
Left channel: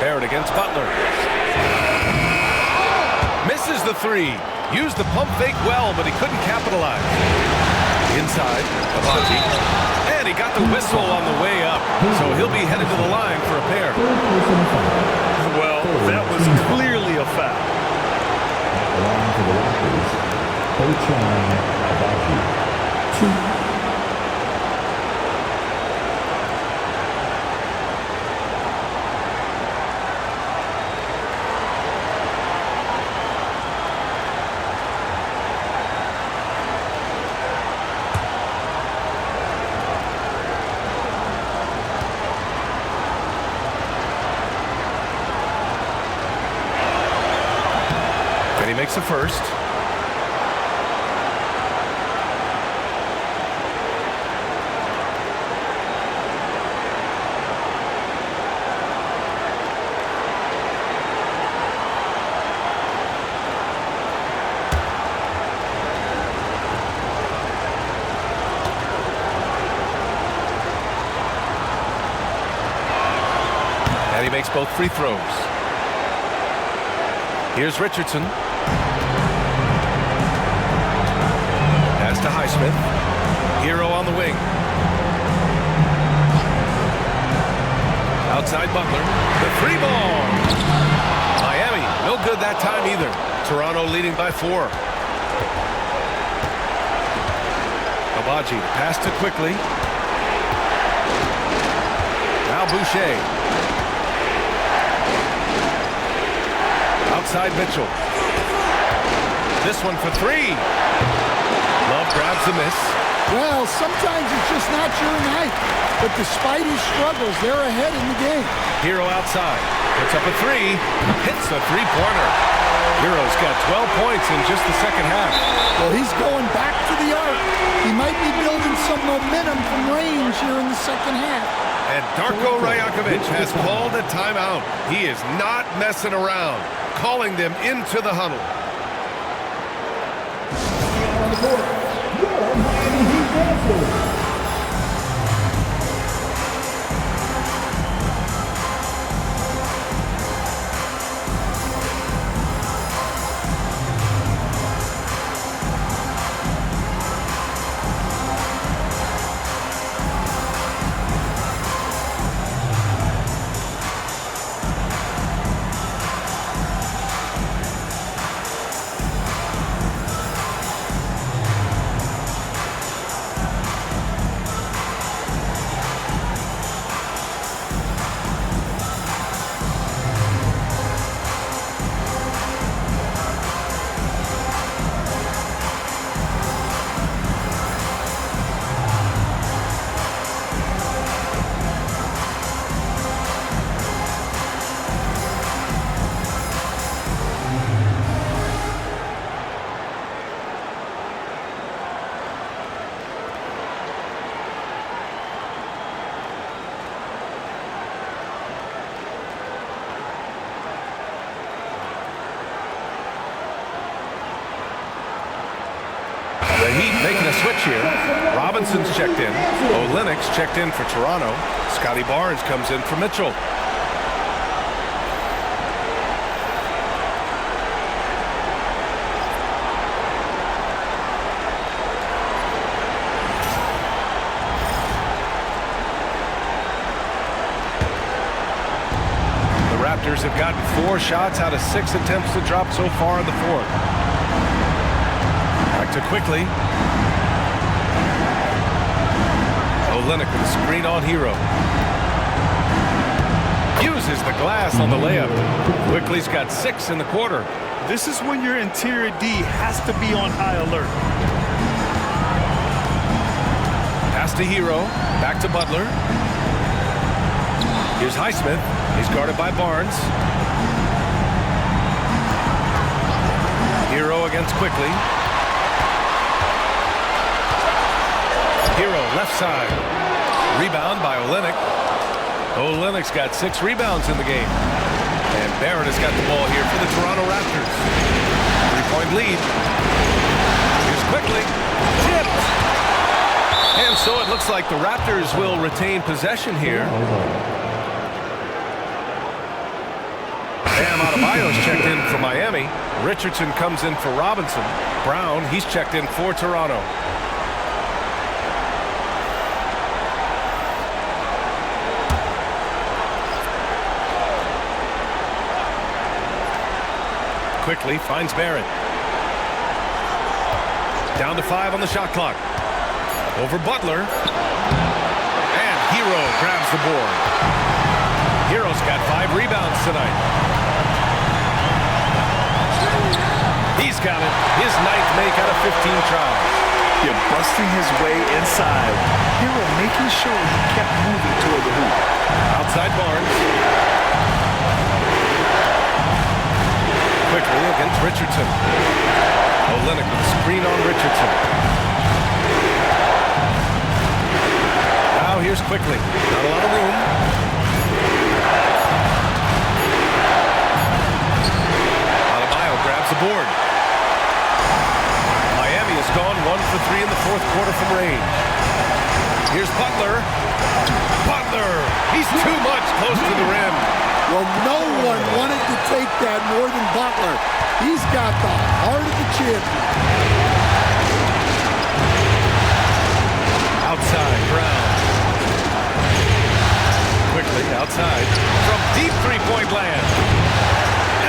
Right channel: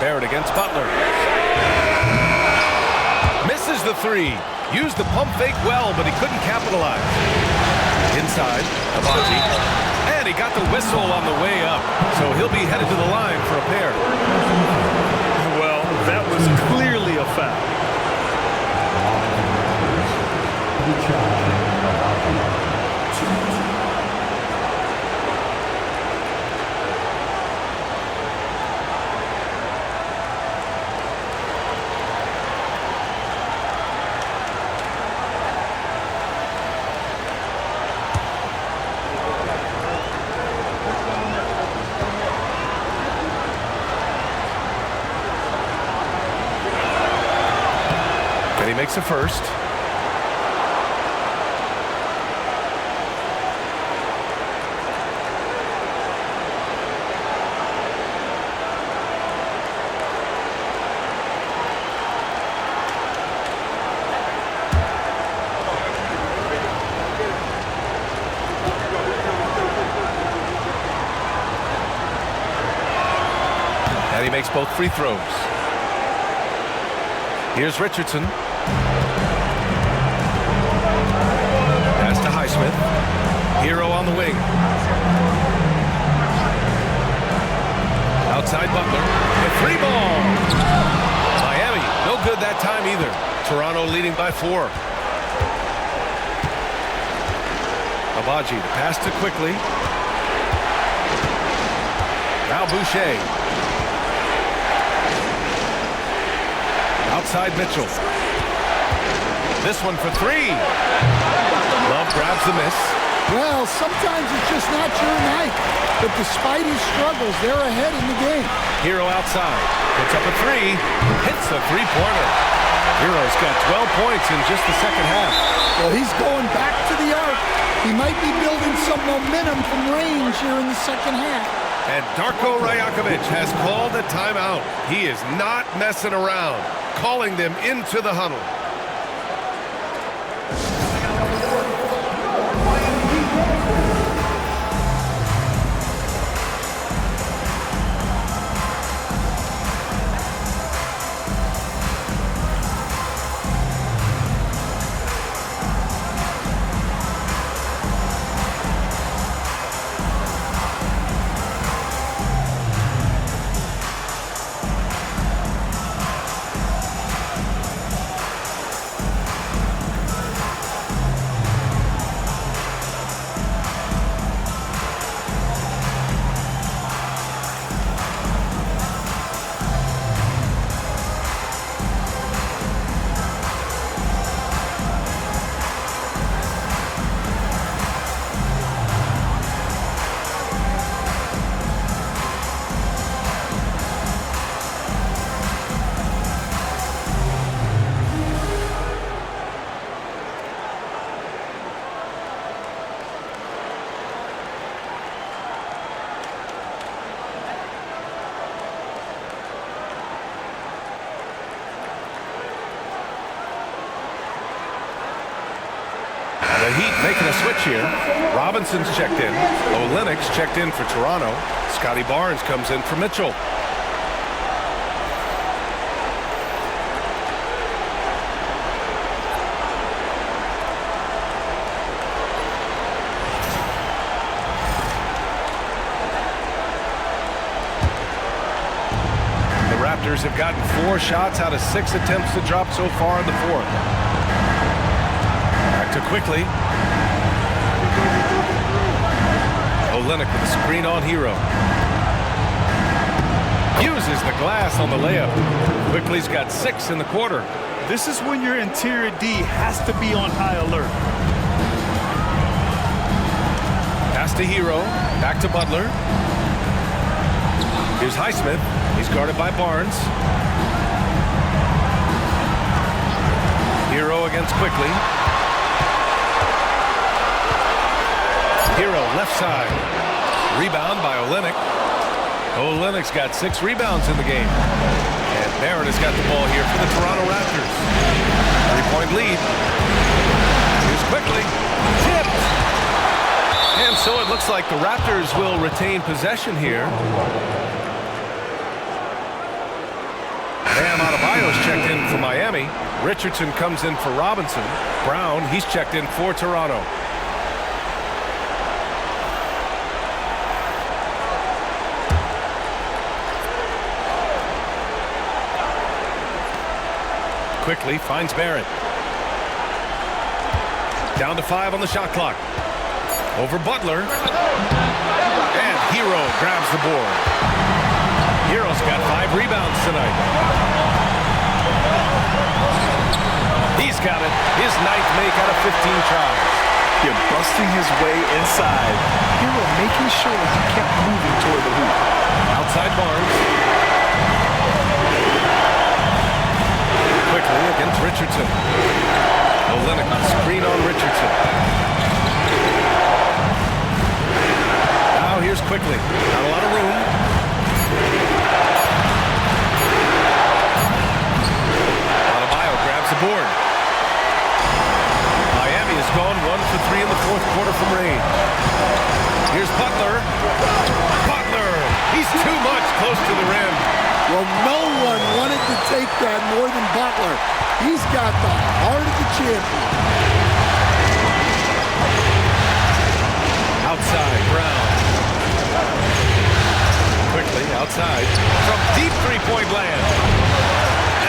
Barrett against Butler. Misses the three. Used the pump fake well, but he couldn't capitalize. Inside, Abaji. And he got the whistle on the way up. So he'll be headed to the line for a pair. Well, that was clearly a foul. Line for the Raptors, Abaji. 2. And he makes the first. And he makes both free throws. Here's Richardson. Pass to Naismith. Hero on the wing. Outside Butler. The three ball. Miami, no good that time either. Toronto leading by 4. Abaji, the pass to Quickly. Now Boucher. Outside Mitchell. This one for 3. Love grabs the miss. Well, sometimes it's just not your night. But despite his struggles, they're ahead in the game. Hero outside. Puts up a 3. Hits a three-pointer. Hero's got 12 points in just the second half. Well, he's going back to the arc. He might be building some momentum from range here in the second half. And Darko Rajakovic has called a timeout. He is not messing around. Calling them into the huddle. The Heat making a switch here. Robinson's checked in. Olynyk's checked in for Toronto. Scotty Barnes comes in for Mitchell. The Raptors have gotten 4 shots out of 6 attempts to drop so far in the fourth. Back to quickly. Olynyk with a screen on Hero. Uses the glass on the layup. Quickly's got 6 in the quarter. This is when your interior D has to be on high alert. Pass to Hero. Back to Butler. Here's Naismith. He's guarded by Barnes. Hero against Quickly. Hero left side. Rebound by Olynyk. Olynyk's got 6 rebounds in the game. And Barrett has got the ball here for the Toronto Raptors. 3-point lead. Here's Quickly. Tipped. And so it looks like the Raptors will retain possession here. Bam Adebayo's checked in for Miami. Richardson comes in for Robinson. Brown, he's checked in for Toronto. Quickly finds Barrett. Down to 5 on the shot clock. Over Butler. And Hero grabs the board. Hero's got 5 rebounds tonight. He's got it. His 9th make out of 15 tries. You're busting his way inside. Hero making sure he kept moving toward the hoop. Outside Barnes. Quickly against Richardson. Olynyk with a screen on Richardson. Now here's Quickly. Not a lot of room. Adebayo grabs the board. Miami has gone 1 for 3 in the fourth quarter from range. Here's Butler. Butler! He's too much close to the rim. Well, no one wanted to take that more than Butler. He's got the heart of the champion. Outside, Brown. Quickly, outside. From deep three-point land.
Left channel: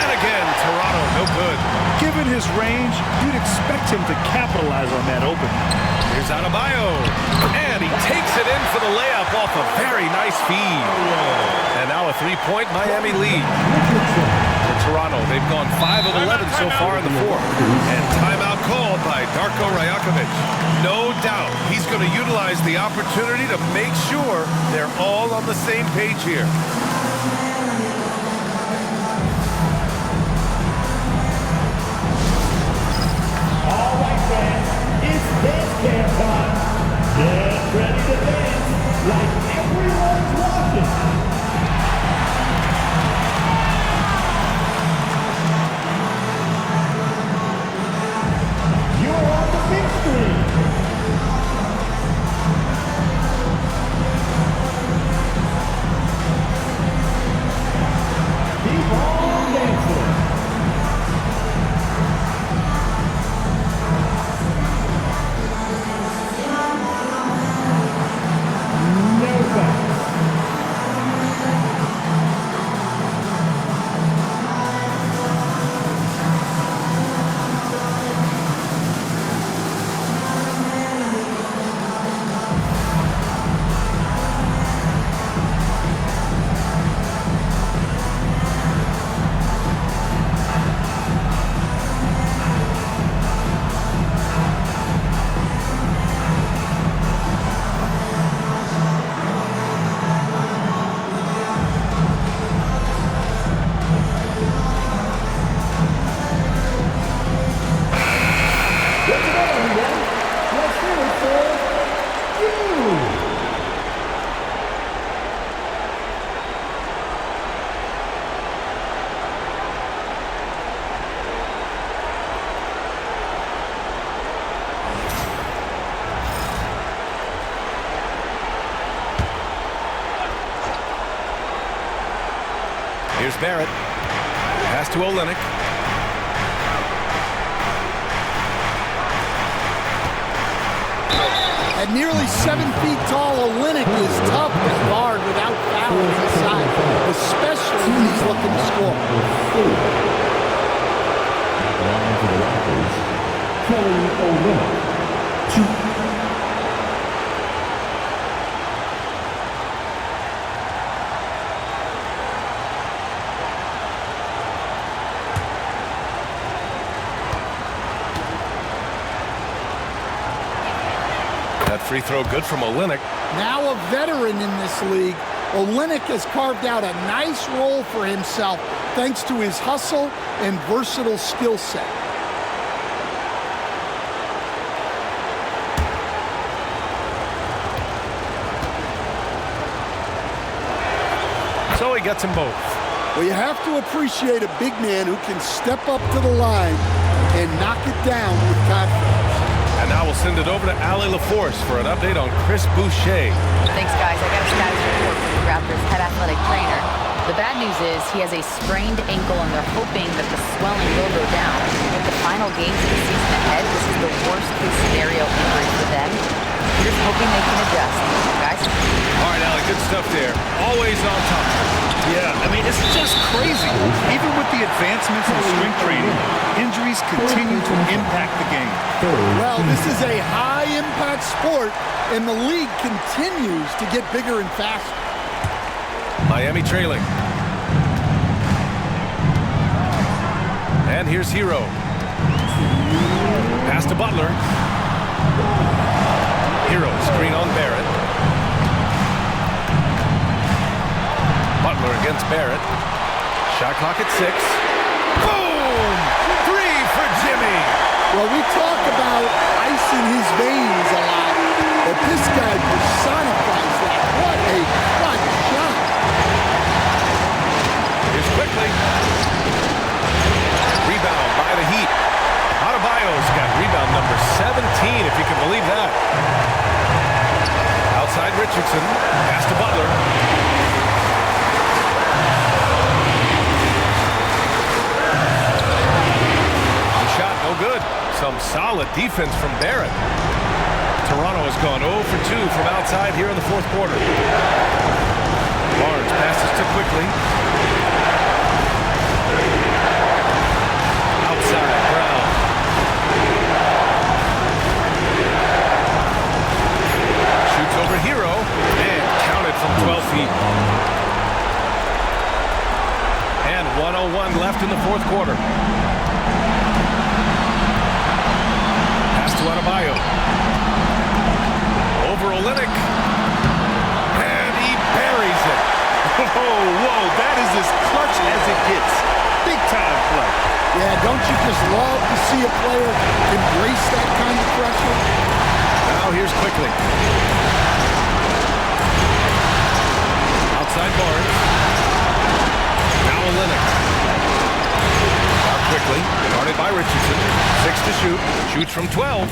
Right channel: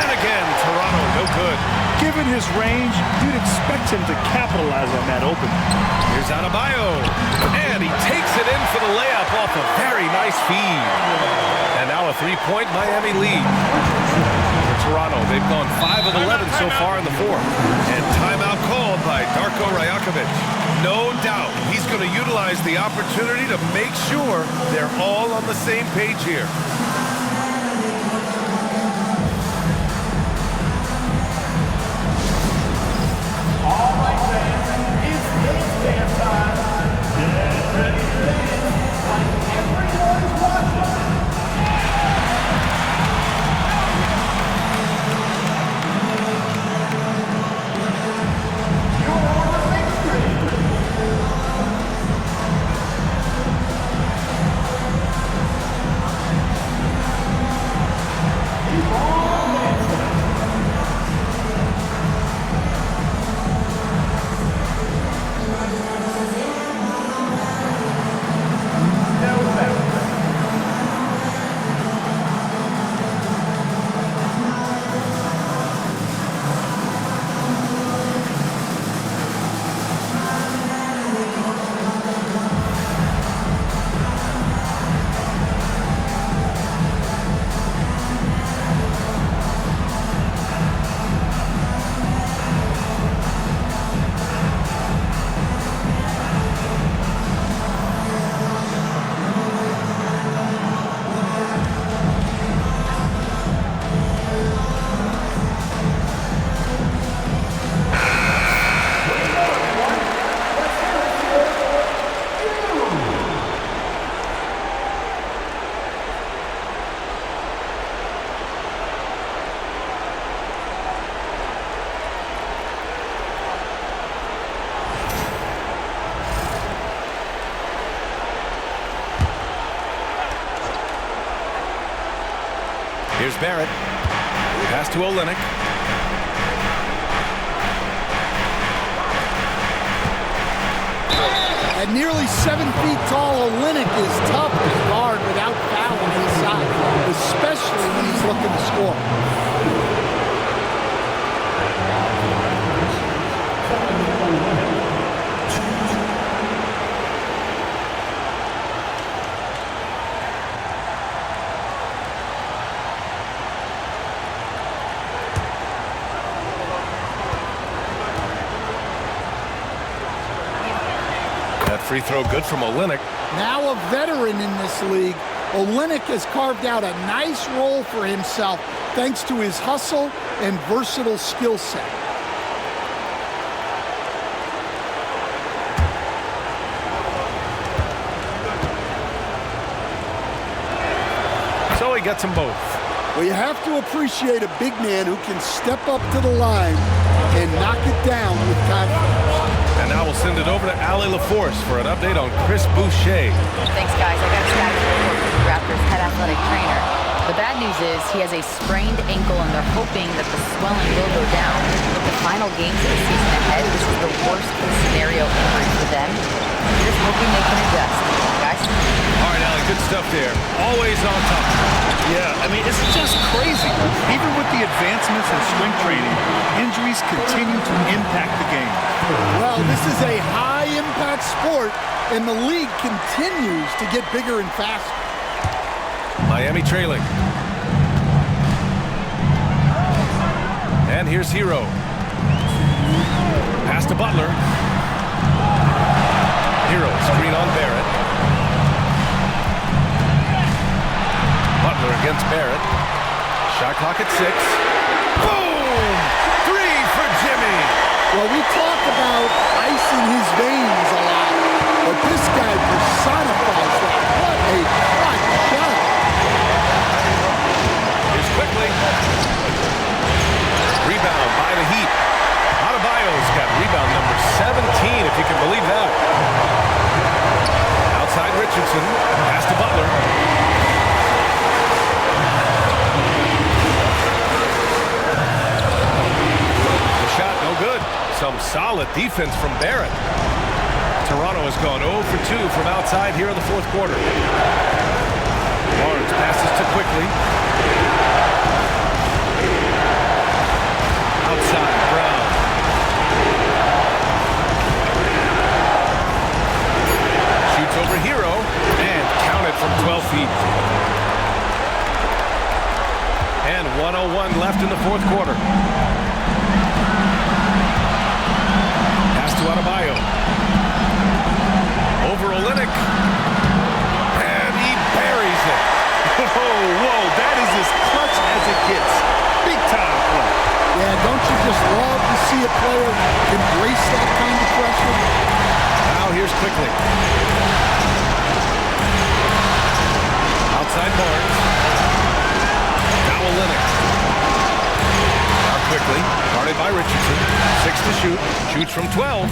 And again, Toronto, no good. Given his range, you'd expect him to capitalize on that opening. Here's Adebayo. And he takes it in for the layup off a very nice feed. And now a 3-point Miami lead. For Toronto, they've gone 5 of 11 so far in the fourth. And timeout called by Darko Rajakovic. No doubt he's going to utilize the opportunity to make sure they're all on the same page here. All right, fans, it's dance time. Get ready to dance like everyone's watching. You're on the big screen. Keep on dancing. Here's Barrett. Pass to Olynyk. At nearly 7 feet tall, Olynyk is tough to guard without fouling inside, especially when he's looking to score. That free throw good from Olynyk. Now a veteran in this league, Olynyk has carved out a nice role for himself thanks to his hustle and versatile skill set. So he gets them both. Well, you have to appreciate a big man who can step up to the line and knock it down with confidence. And now we'll send it over to Allie LaForce for an update on Chris Boucher. Thanks, guys. I got a status report from the Raptors head athletic trainer. The bad news is he has a sprained ankle, and they're hoping that the swelling will go down. With the final games of the season ahead, this is the worst-case scenario injury for them. We're just hoping they can adjust. Guys? All right, Allie, good stuff there. Always on top. Yeah, I mean, it's just crazy. Even with the advancements in strength training, injuries continue to impact the game. Well, this is a high-impact sport, and the league continues to get bigger and faster. Miami trailing. And here's Hero. Pass to Butler. Hero, screen on Barrett. Butler against Barrett. Shot clock at 6. Boom! 3 for Jimmy. Well, we talk about ice in his veins a lot, but this guy personifies that. What a clutch shot. Here's quickly. Rebound by the Heat. Adebayo's got rebound number 17, if you can believe that. Outside Richardson. Pass to Butler. The shot no good. Some solid defense from Barrett. Toronto has gone 0 for 2 from outside here in the fourth quarter. Barnes passes to Quickly. Outside, Brown. Shoots over Hero and counted from 12 feet. And 1:01 left in the fourth quarter. Pass to Adebayo. Over Olynyk. And he buries it. Whoa, that is as clutch as it gets. Big time play. Yeah, don't you just love to see a player embrace that kind of pressure? Now here's Quickly. Outside Barnes. Now Olynyk. Now Quickly. Guarded by Richardson. 6 to shoot. Shoots from 12.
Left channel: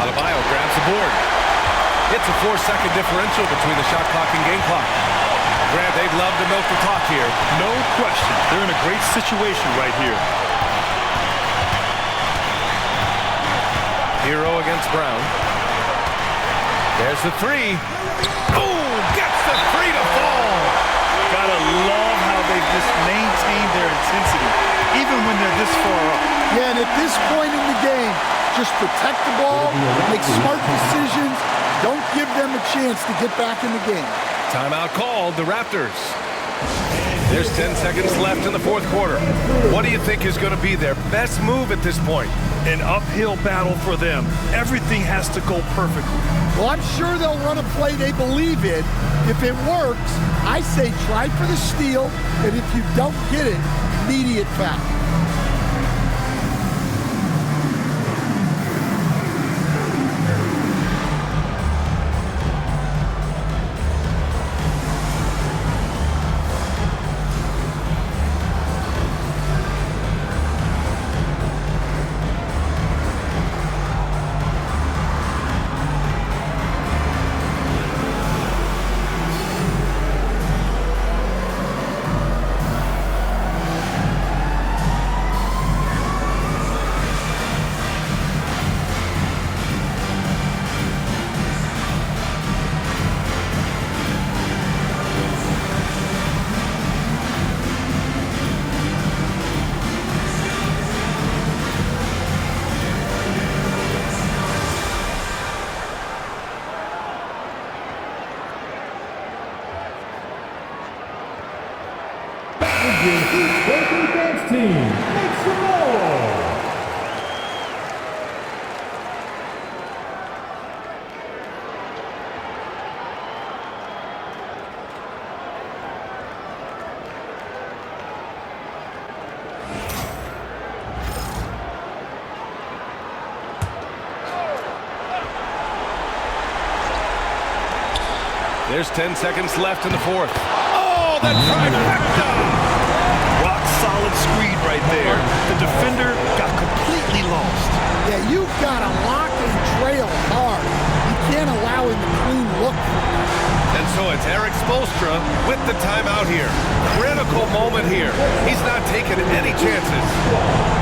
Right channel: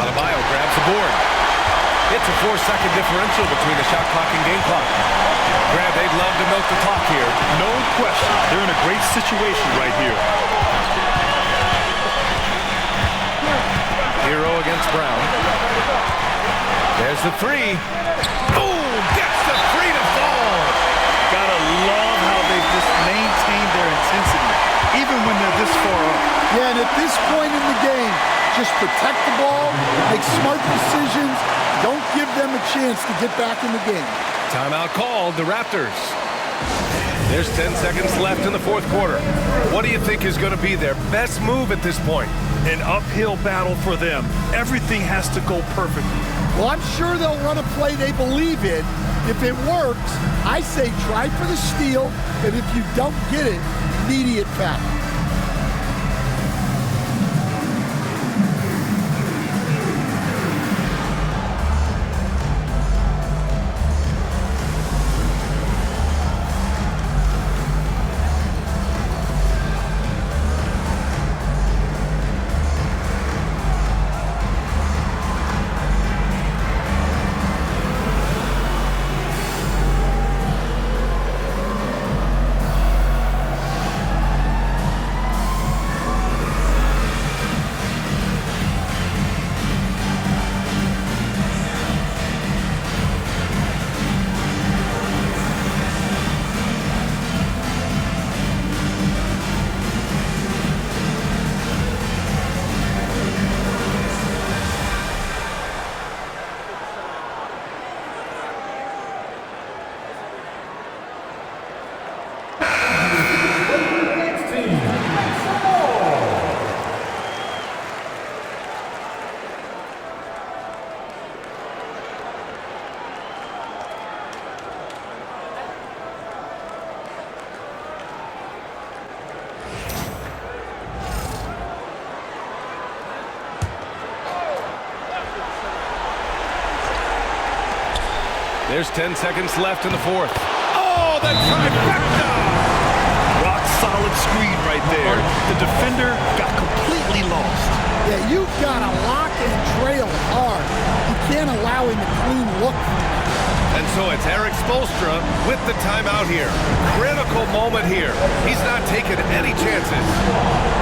Adebayo grabs the board. It's a 4-second differential between the shot clock and game clock. Grab, they'd love to milk the clock here. No question. They're in a great situation right here. Hero against Brown. There's the 3. Boom! Gets the 3 to fall. Gotta love how they've just maintained their intensity, even when they're this far up. Yeah, and at this point in the game, just protect the ball, make smart decisions, don't give them a chance to get back in the game. Timeout called, the Raptors. There's 10 seconds left in the fourth quarter. What do you think is going to be their best move at this point? An uphill battle for them. Everything has to go perfectly. Well, I'm sure they'll run a play they believe in. If it works, I say try for the steal, and if you don't get it, immediate foul. There's 10 seconds left in the fourth. Oh, the trifecta! Rock solid screen right there. The defender got completely lost. Yeah, you've got to lock and trail hard. You can't allow him a clean look from that. And so it's Erik Spoelstra with the timeout here. Critical moment here. He's not taking any chances.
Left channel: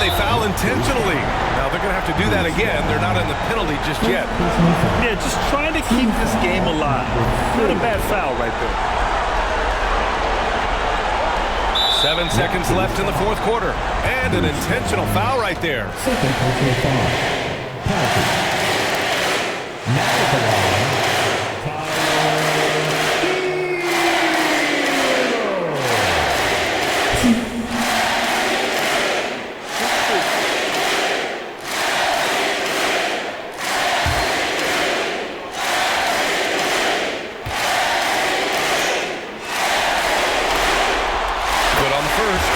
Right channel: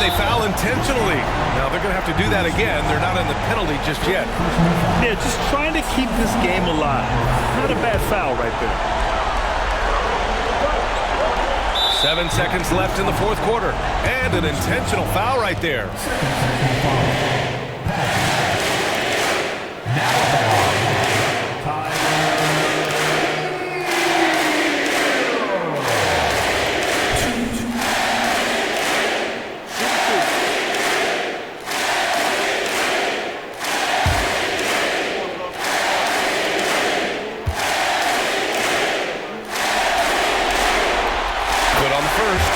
They foul intentionally. Now they're going to have to do that again. They're not in the penalty just yet. Yeah, just trying to keep this game alive. Not a bad foul right there. 7 seconds left in the fourth quarter. And an intentional foul right there. On the first,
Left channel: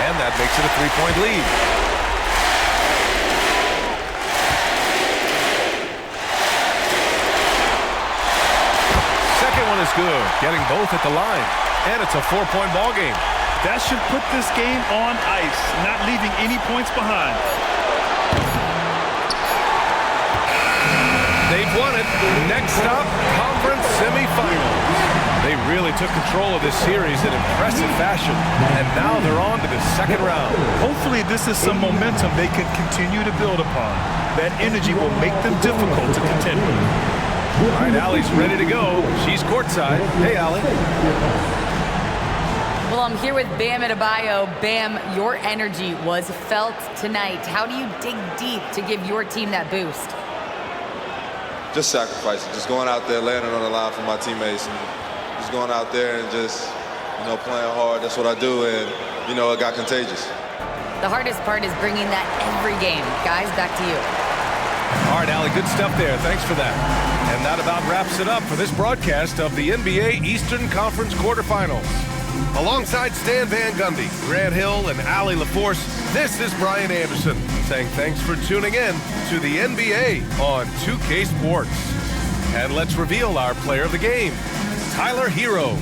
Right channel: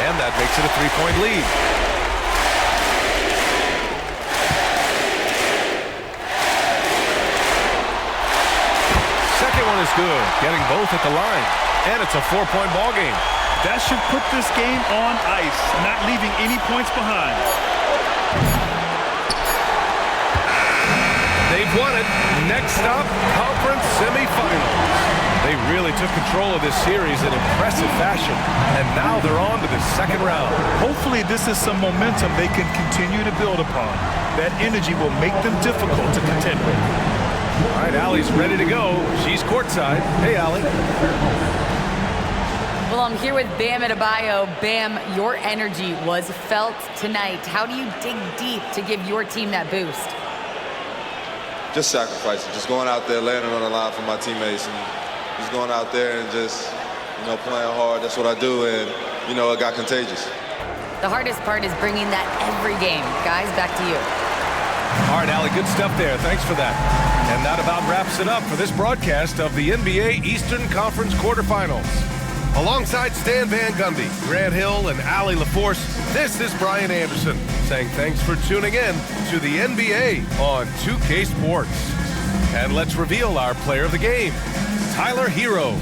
and that makes it a 3-point lead. Second one is good, getting both at the line, and it's a 4-point ball game. That should put this game on ice, not leaving any points behind. They've won it. Next stop, conference semifinals. They really took control of this series in impressive fashion, and now they're on to the second round. Hopefully this is some momentum they can continue to build upon. That energy will make them difficult to contend with. All right, Allie's ready to go. She's courtside. Hey, Allie. Well, I'm here with Bam Adebayo. Bam, your energy was felt tonight. How do you dig deep to give your team that boost? Just sacrificing, just going out there, laying it on the line for my teammates, and just going out there and just, playing hard. That's what I do, and, it got contagious. The hardest part is bringing that every game. Guys, back to you. All right, Allie, good stuff there. Thanks for that. And that about wraps it up for this broadcast of the NBA Eastern Conference quarterfinals. Alongside Stan Van Gundy, Grant Hill, and Allie LaForce, this is Brian Anderson saying thanks for tuning in to the NBA on 2K Sports. And let's reveal our player of the game, Tyler Hero.